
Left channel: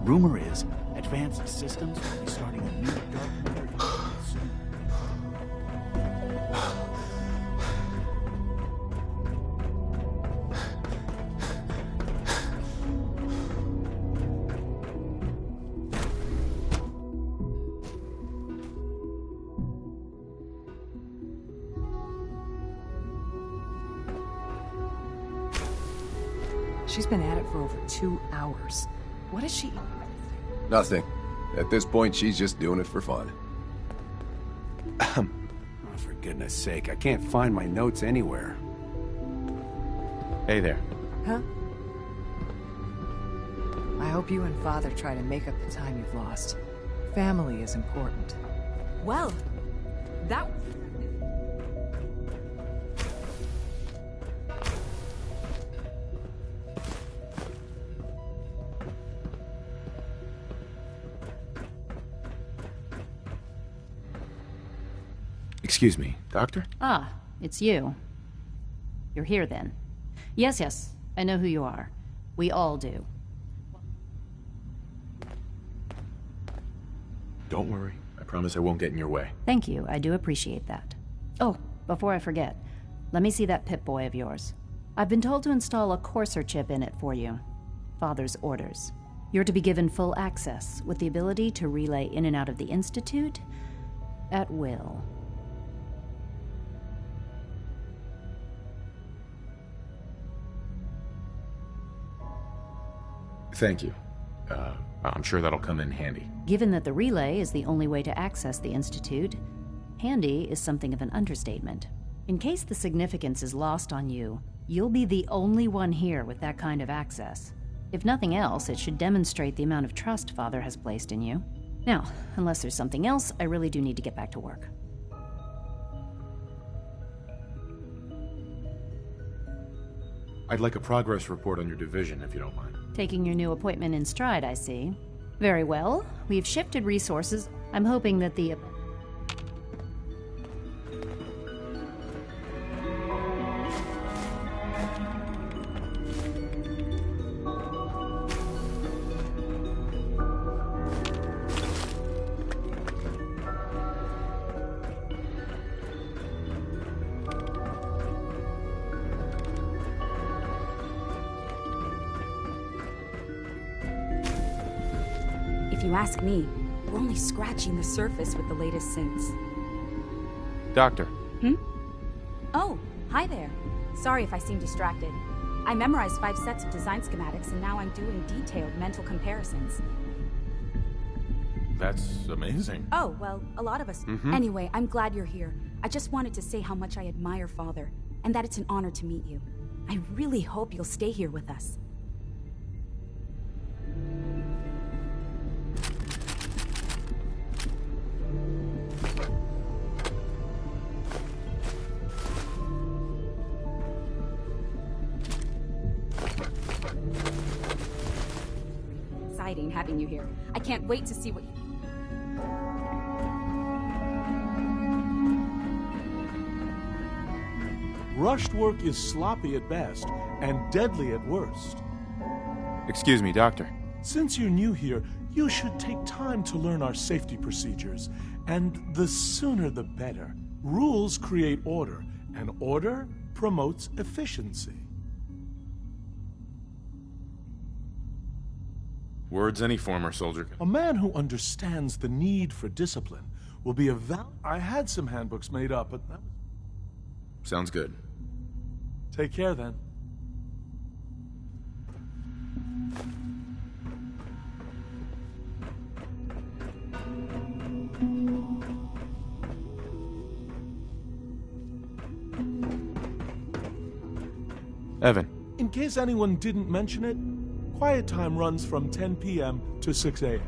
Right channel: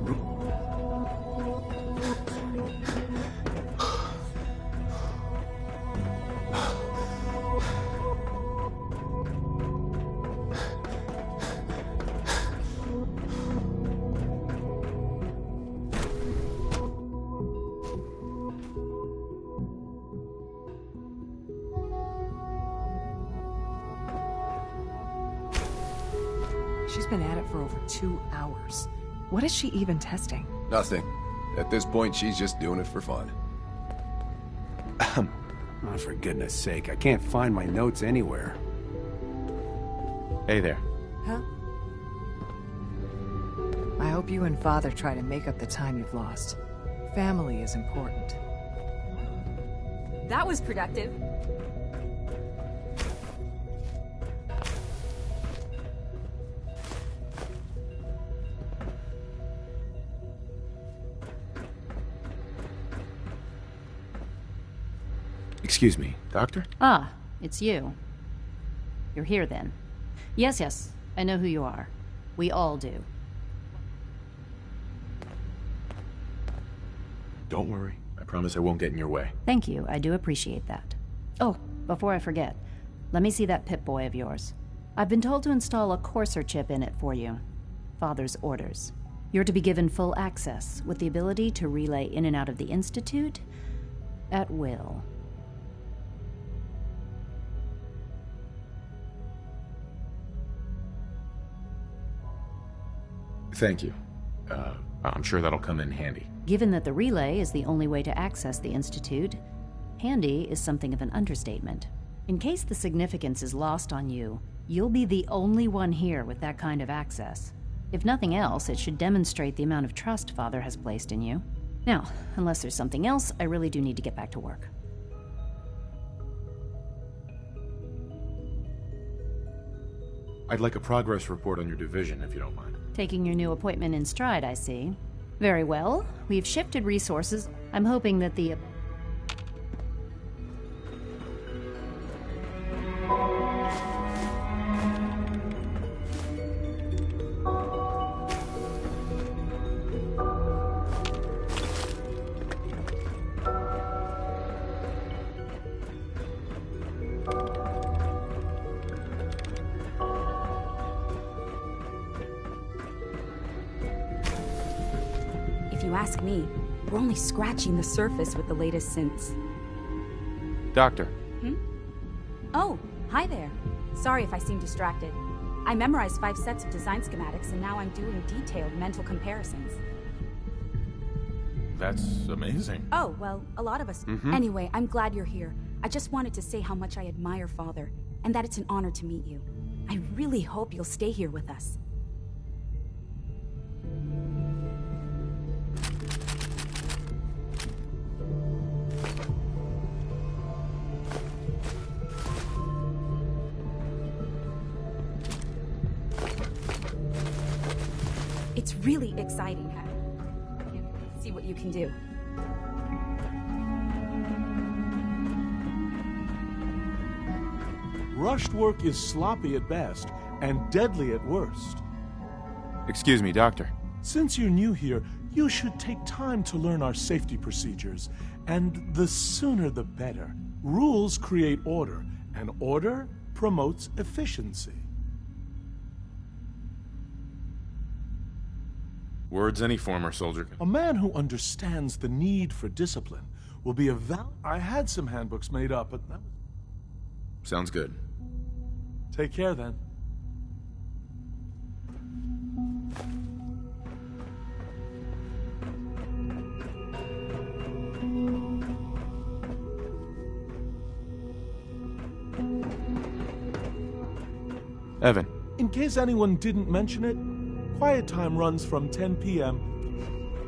Rumor is, advanced systems will be starting a new dark matter soon. She's been at it for over 2 hours. What is she even testing? Nothing. At this point, she's just doing it for fun. Oh, for goodness sake, I can't find my notes anywhere. Hey there. Huh? I hope you and Father try to make up the time you've lost. Family is important. Well, that was productive. Excuse me, Doctor? Ah, it's you. You're here then. Yes, I know who you are. We all do. Don't worry. I promise I won't get in your way. Thank you, I do appreciate that. Oh, before I forget, let me see that Pip-Boy of yours. I've been told to install a Courser chip in it for you. Father's orders. You're to be given full access, with the ability to relay in and out of the Institute at will. Thank you. I'm sure that'll come in handy. Given that the relay is the only way to access the Institute, handy is something of an understatement. In case the significance is lost on you, you'll be the only one here with that kind of access. If nothing else, it should demonstrate the amount of trust Father has placed in you. Now, unless there's something else, I really do need to get back to work. I'd like a progress report on your division, if you don't mind. Taking your new appointment in stride, I see. Very well. We've shifted resources. I'm hoping that the... If you ask me, we're only scratching the surface with the latest synths. Doctor. Oh, hi there. Sorry if I seem distracted. I memorized 5 sets of design schematics and now I'm doing detailed mental comparisons. That's amazing. Oh, well, a lot of us. Anyway, I'm glad you're here. I just wanted to say how much I admire Father, and that it's an honor to meet you. I really hope you'll stay here with us. It's really exciting having you here. I can't wait to see what you can do. Rushed work is sloppy at best and deadly at worst. Excuse me, Doctor. Since you're new here, you should take time to learn our safety procedures, and the sooner the better. Rules create order, and order promotes efficiency. Words any former soldier can... A man who understands the need for discipline will be a I had some handbooks made up, but that was... Sounds good. Take care, then. Evan. In case anyone didn't mention it, quiet time runs from 10 p.m. to 6 a.m.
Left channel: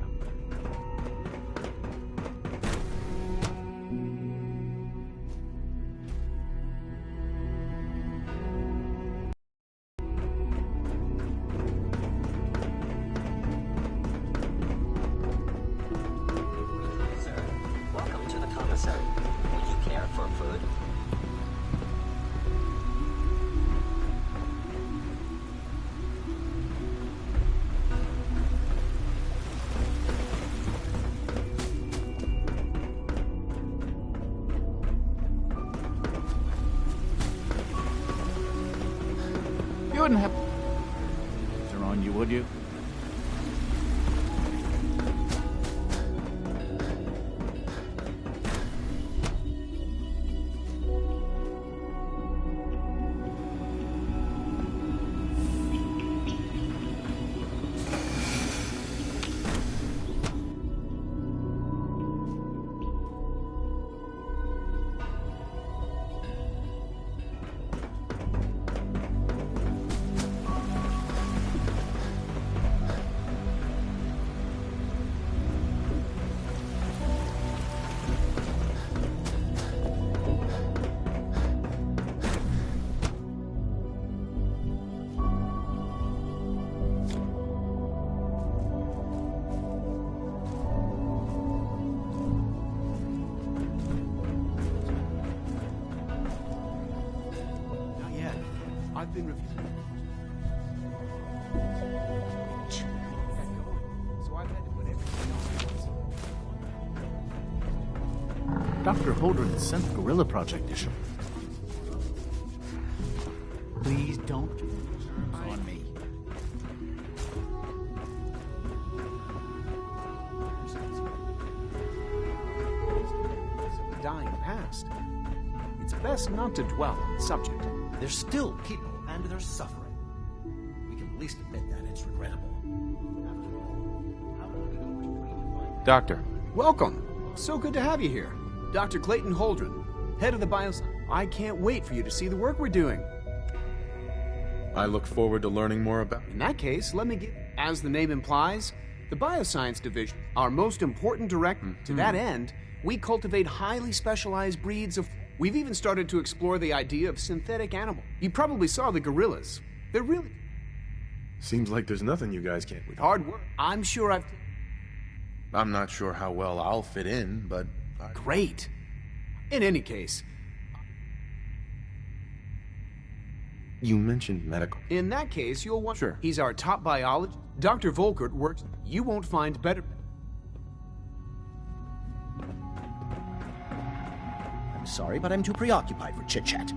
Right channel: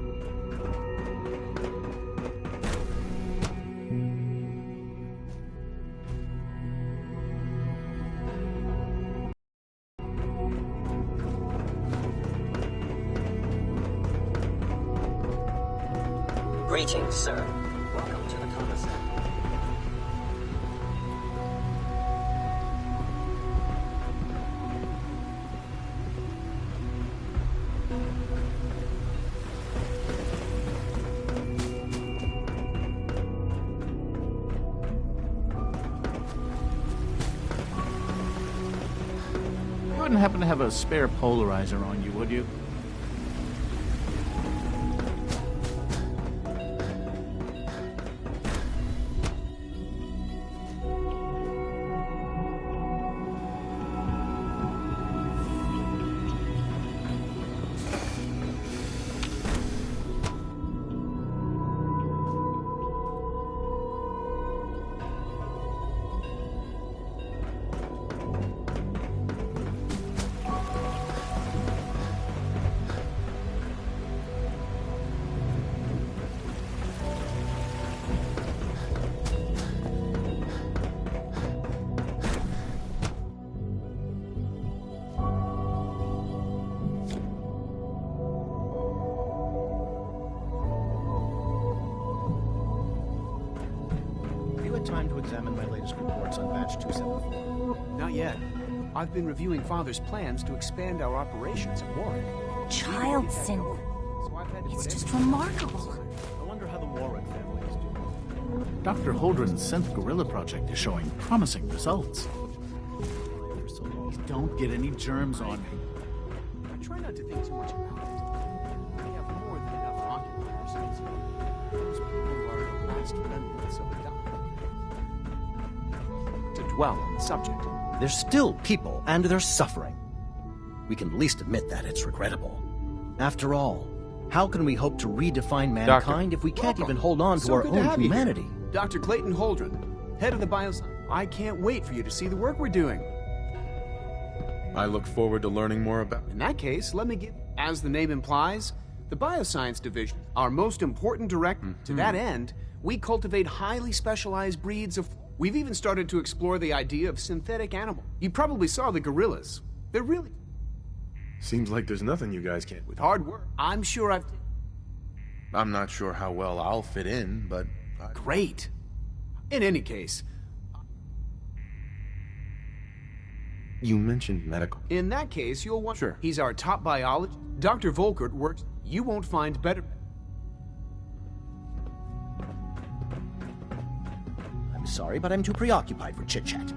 Greetings, sir. Welcome to the commissary. You care for food? You wouldn't happen to have a spare polarizer on you, would you? Massachusetts? Not yet. I've been reviewing Father's plans to expand our operations at Warren. Child synth. So I've had to It's put just everything- remarkable. I wonder how the Warren family is doing. Dr. Holdren's synth gorilla project is showing promising results. Please don't get any germs on me. Try not to do as much. We have more than enough occupiers since we are last remnants of a dying past. It's best not to dwell on the subject. There's still people, and they're suffering. We can at least admit that it's regrettable. After all, how can we hope to redefine mankind if we can't Welcome. even hold on to So our good own to have humanity? you here. Dr. Clayton Holdren, head of the bioscience. I can't wait for you to see the work we're doing. I look forward to learning more about... In that case, let me give, as the name implies, the Bioscience Division, our most important director. To that end, we cultivate highly specialized breeds of... We've even started to explore the idea of synthetic animal. You probably saw the gorillas. They're really... Seems like there's nothing you guys can't... With hard work, I'm sure I've... I'm not sure how well I'll fit in, but... Great. In any case... You mentioned medical. In that case, you'll want... Sure. He's our top biologist. Dr. Volkert works... You won't find better... I'm sorry, but I'm too preoccupied for chit-chat.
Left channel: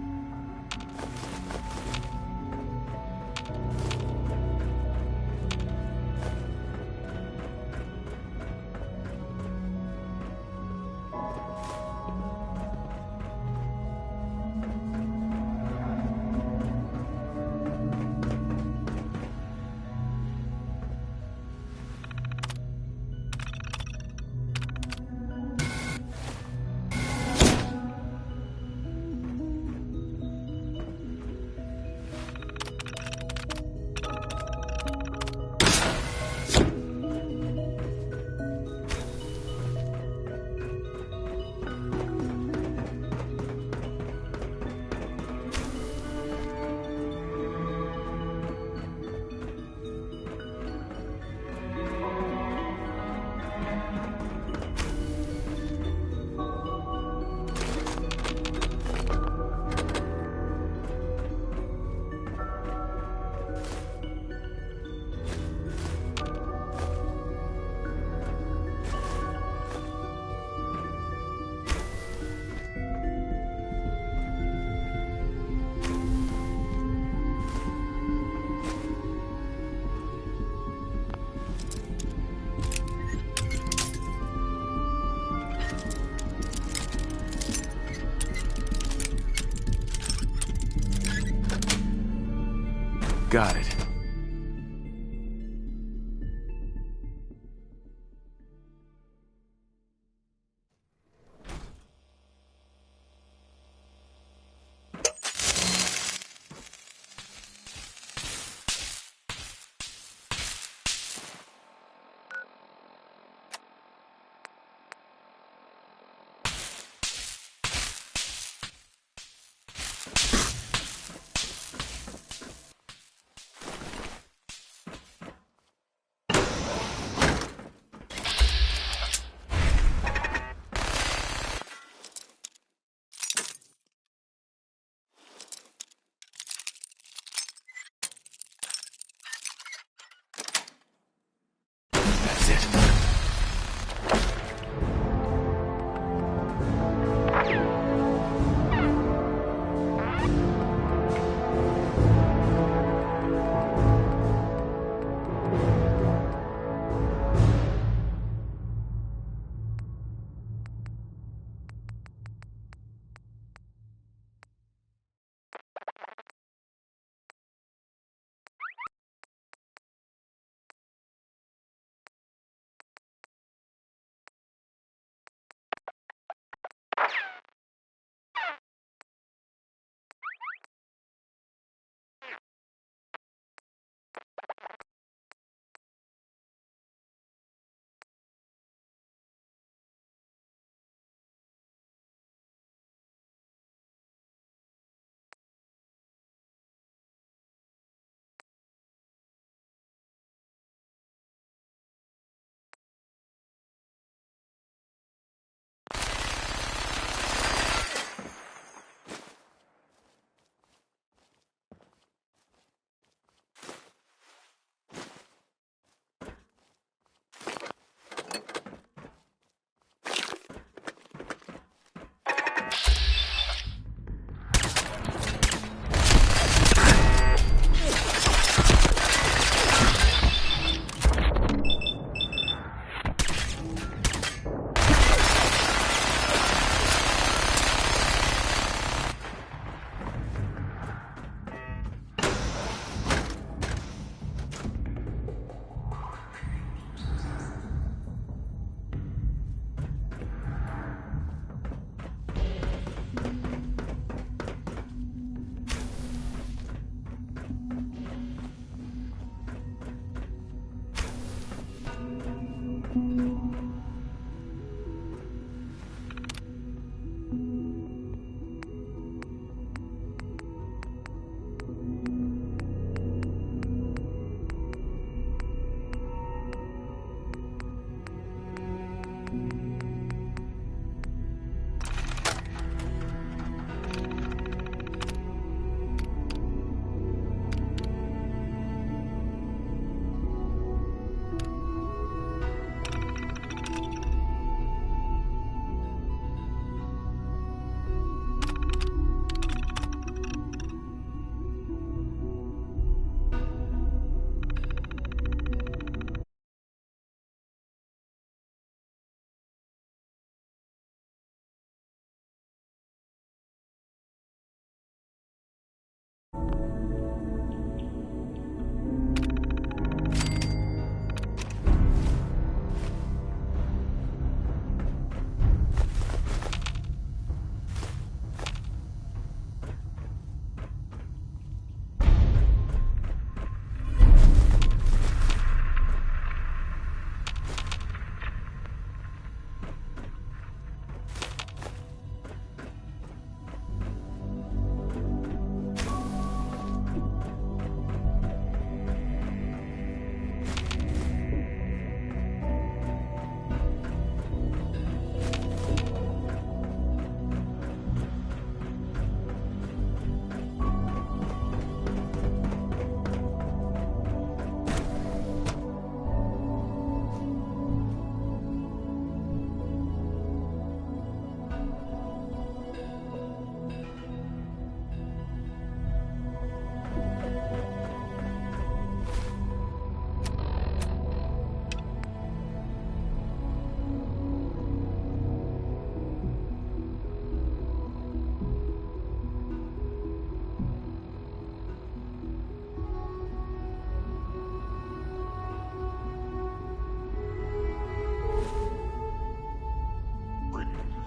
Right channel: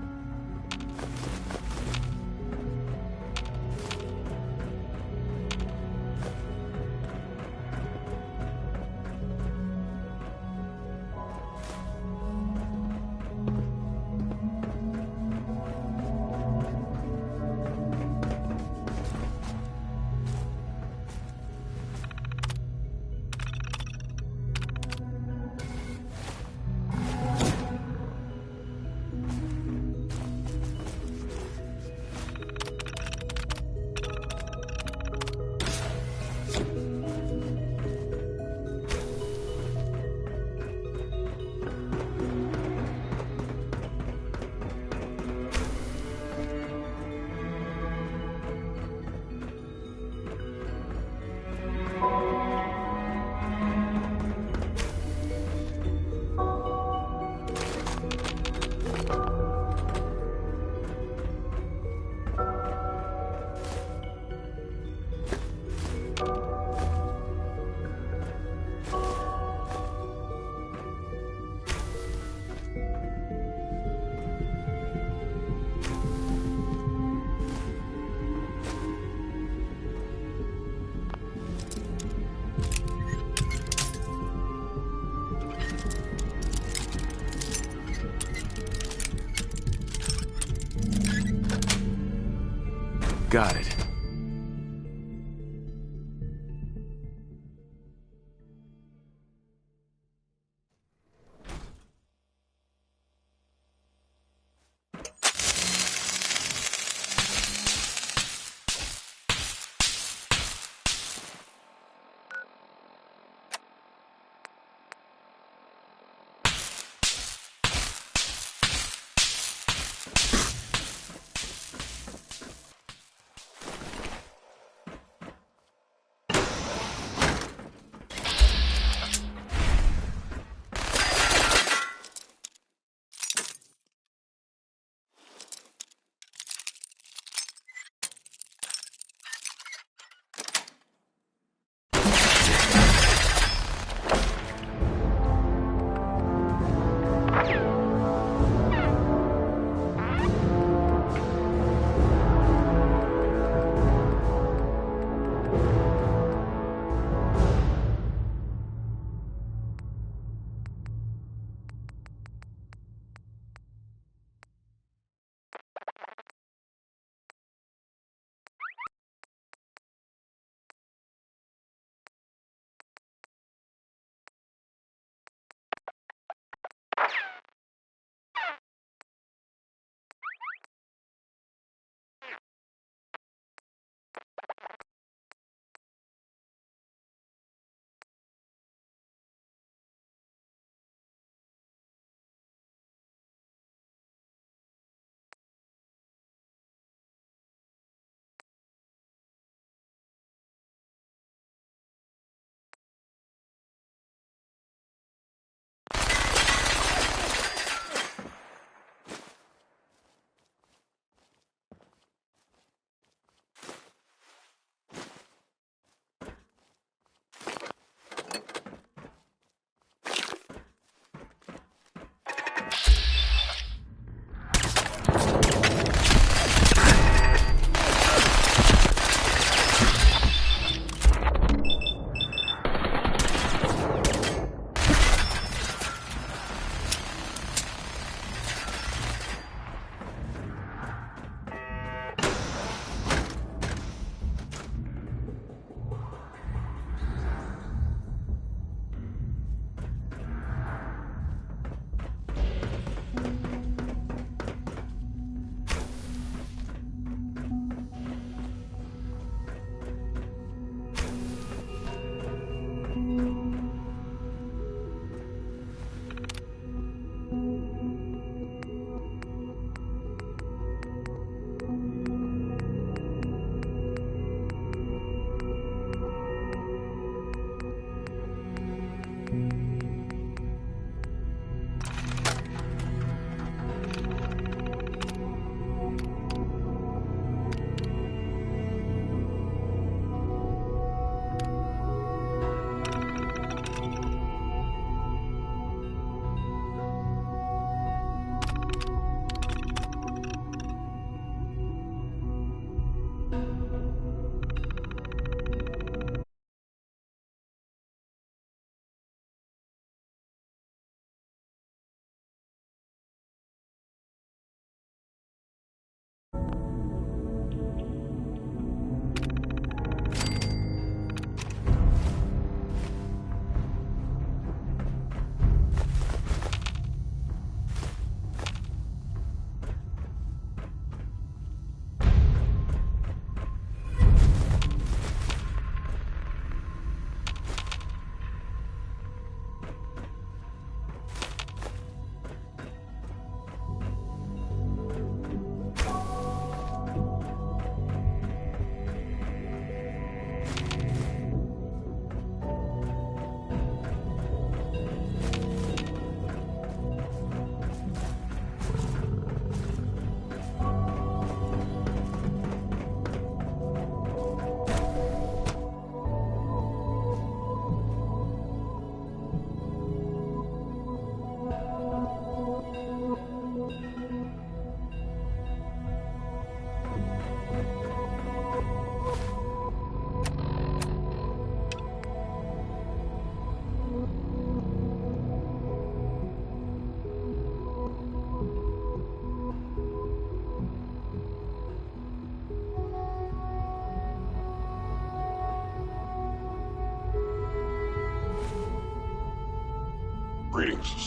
Got it.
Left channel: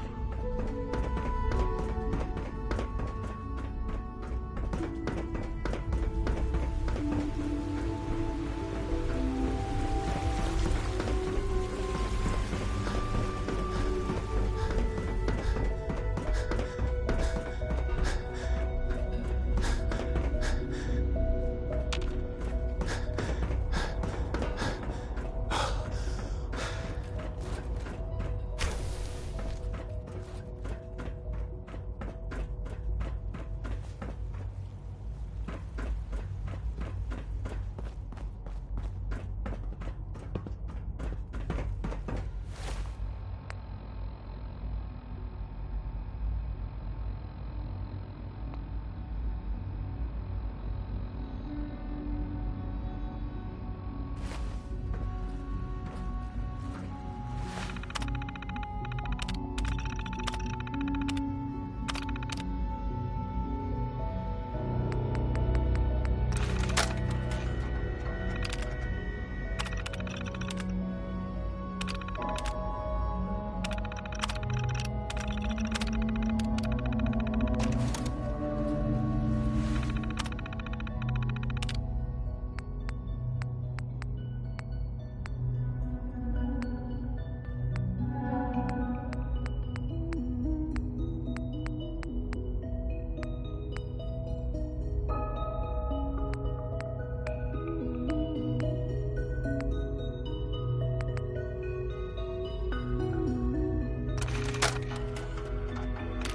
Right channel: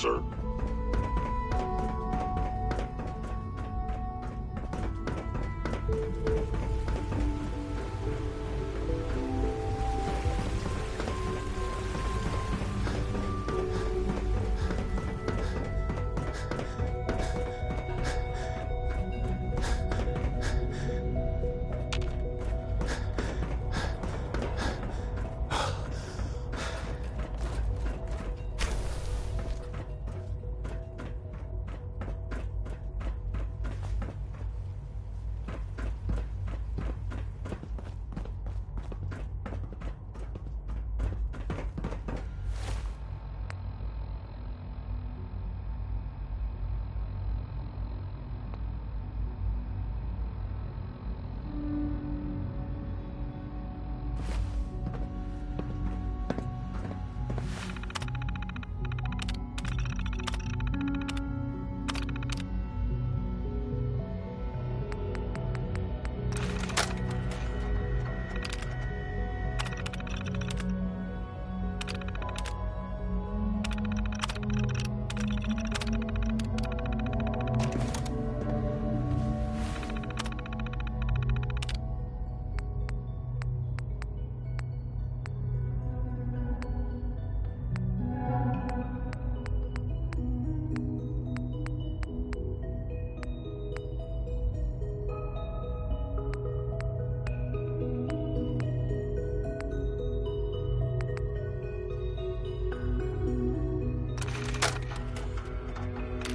sir.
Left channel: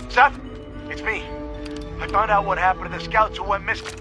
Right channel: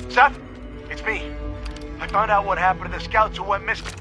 Seth, it's me. I found out what happened to the scouts who went missing.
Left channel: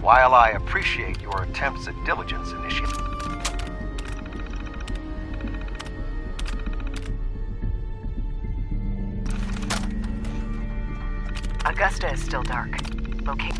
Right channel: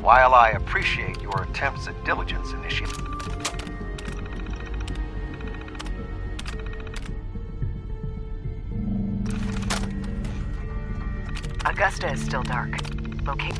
While I appreciate your attempts at diligence, Initiate, Augusta is still dark. Locate.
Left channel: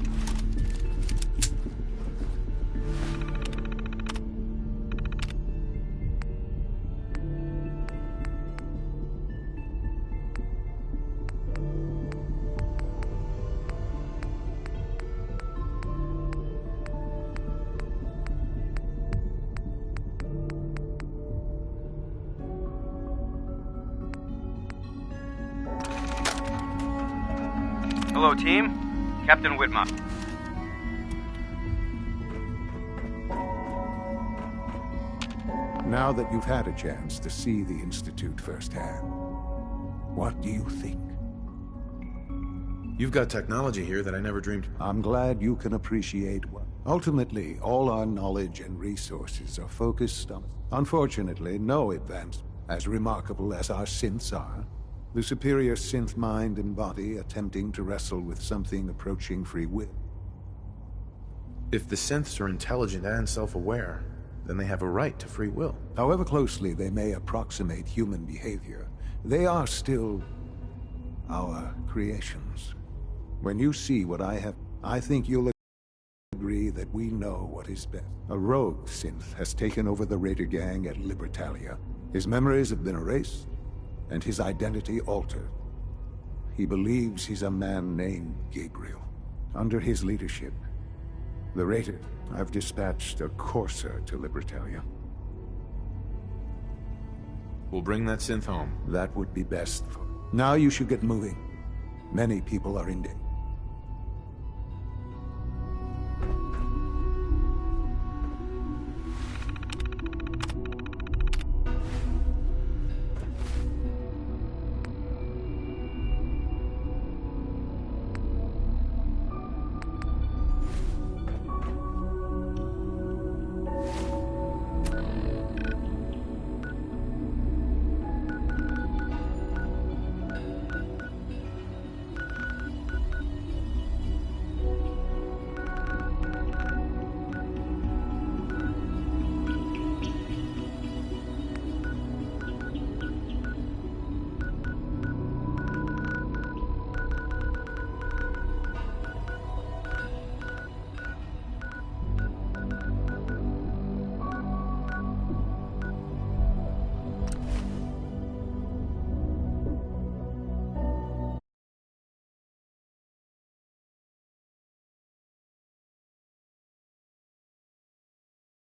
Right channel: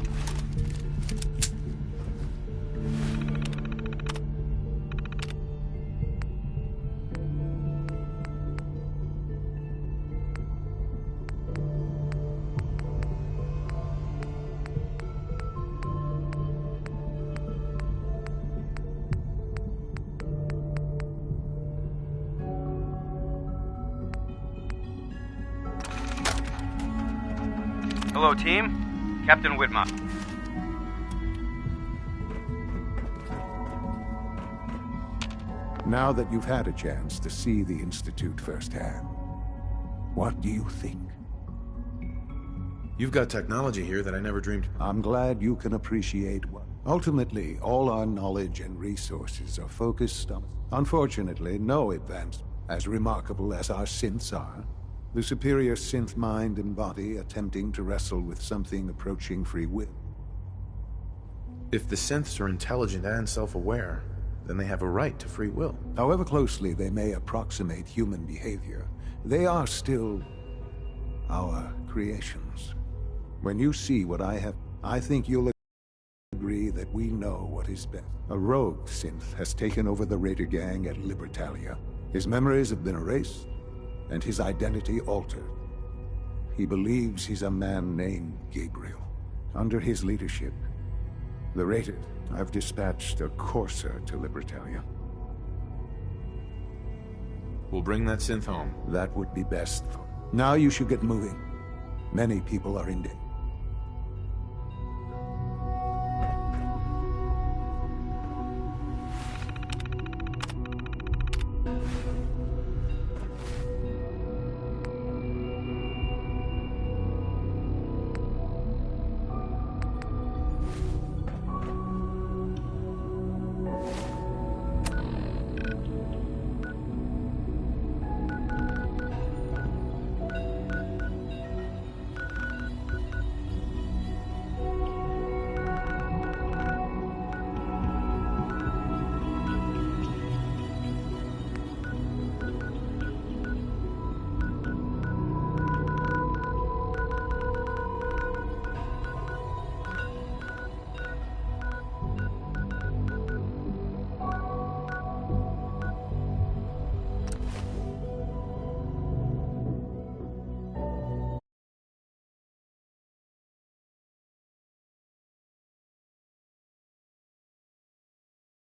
Hello, team. Captain Whitmore. Now that you've had a chance to see the Institute firsthand, what do you think? You've got technology here that I never dreamed. I'm glad you can appreciate what. Ultimately, all our knowledge and resources are focused on. Unfortunately, no advance as remarkable as our synths are. The superior synth mind and body attempting to wrestle with something approaching free will. If the synths are intelligent and self-aware, then they have a right to free will. However closely they may approximate human behavior, they are still our creations. When you see what I have, I think you'll agree that we know what is best. A rogue synth has taken over the Raider gang at Libertalia. His memories have been erased, and his identity altered. He believes he's a man named Gabriel. Under his leadership, the Raiders have dispatched a courser to Libertalia. We'll bring that synth home. That would be best. Now you should get moving. Many people are in danger.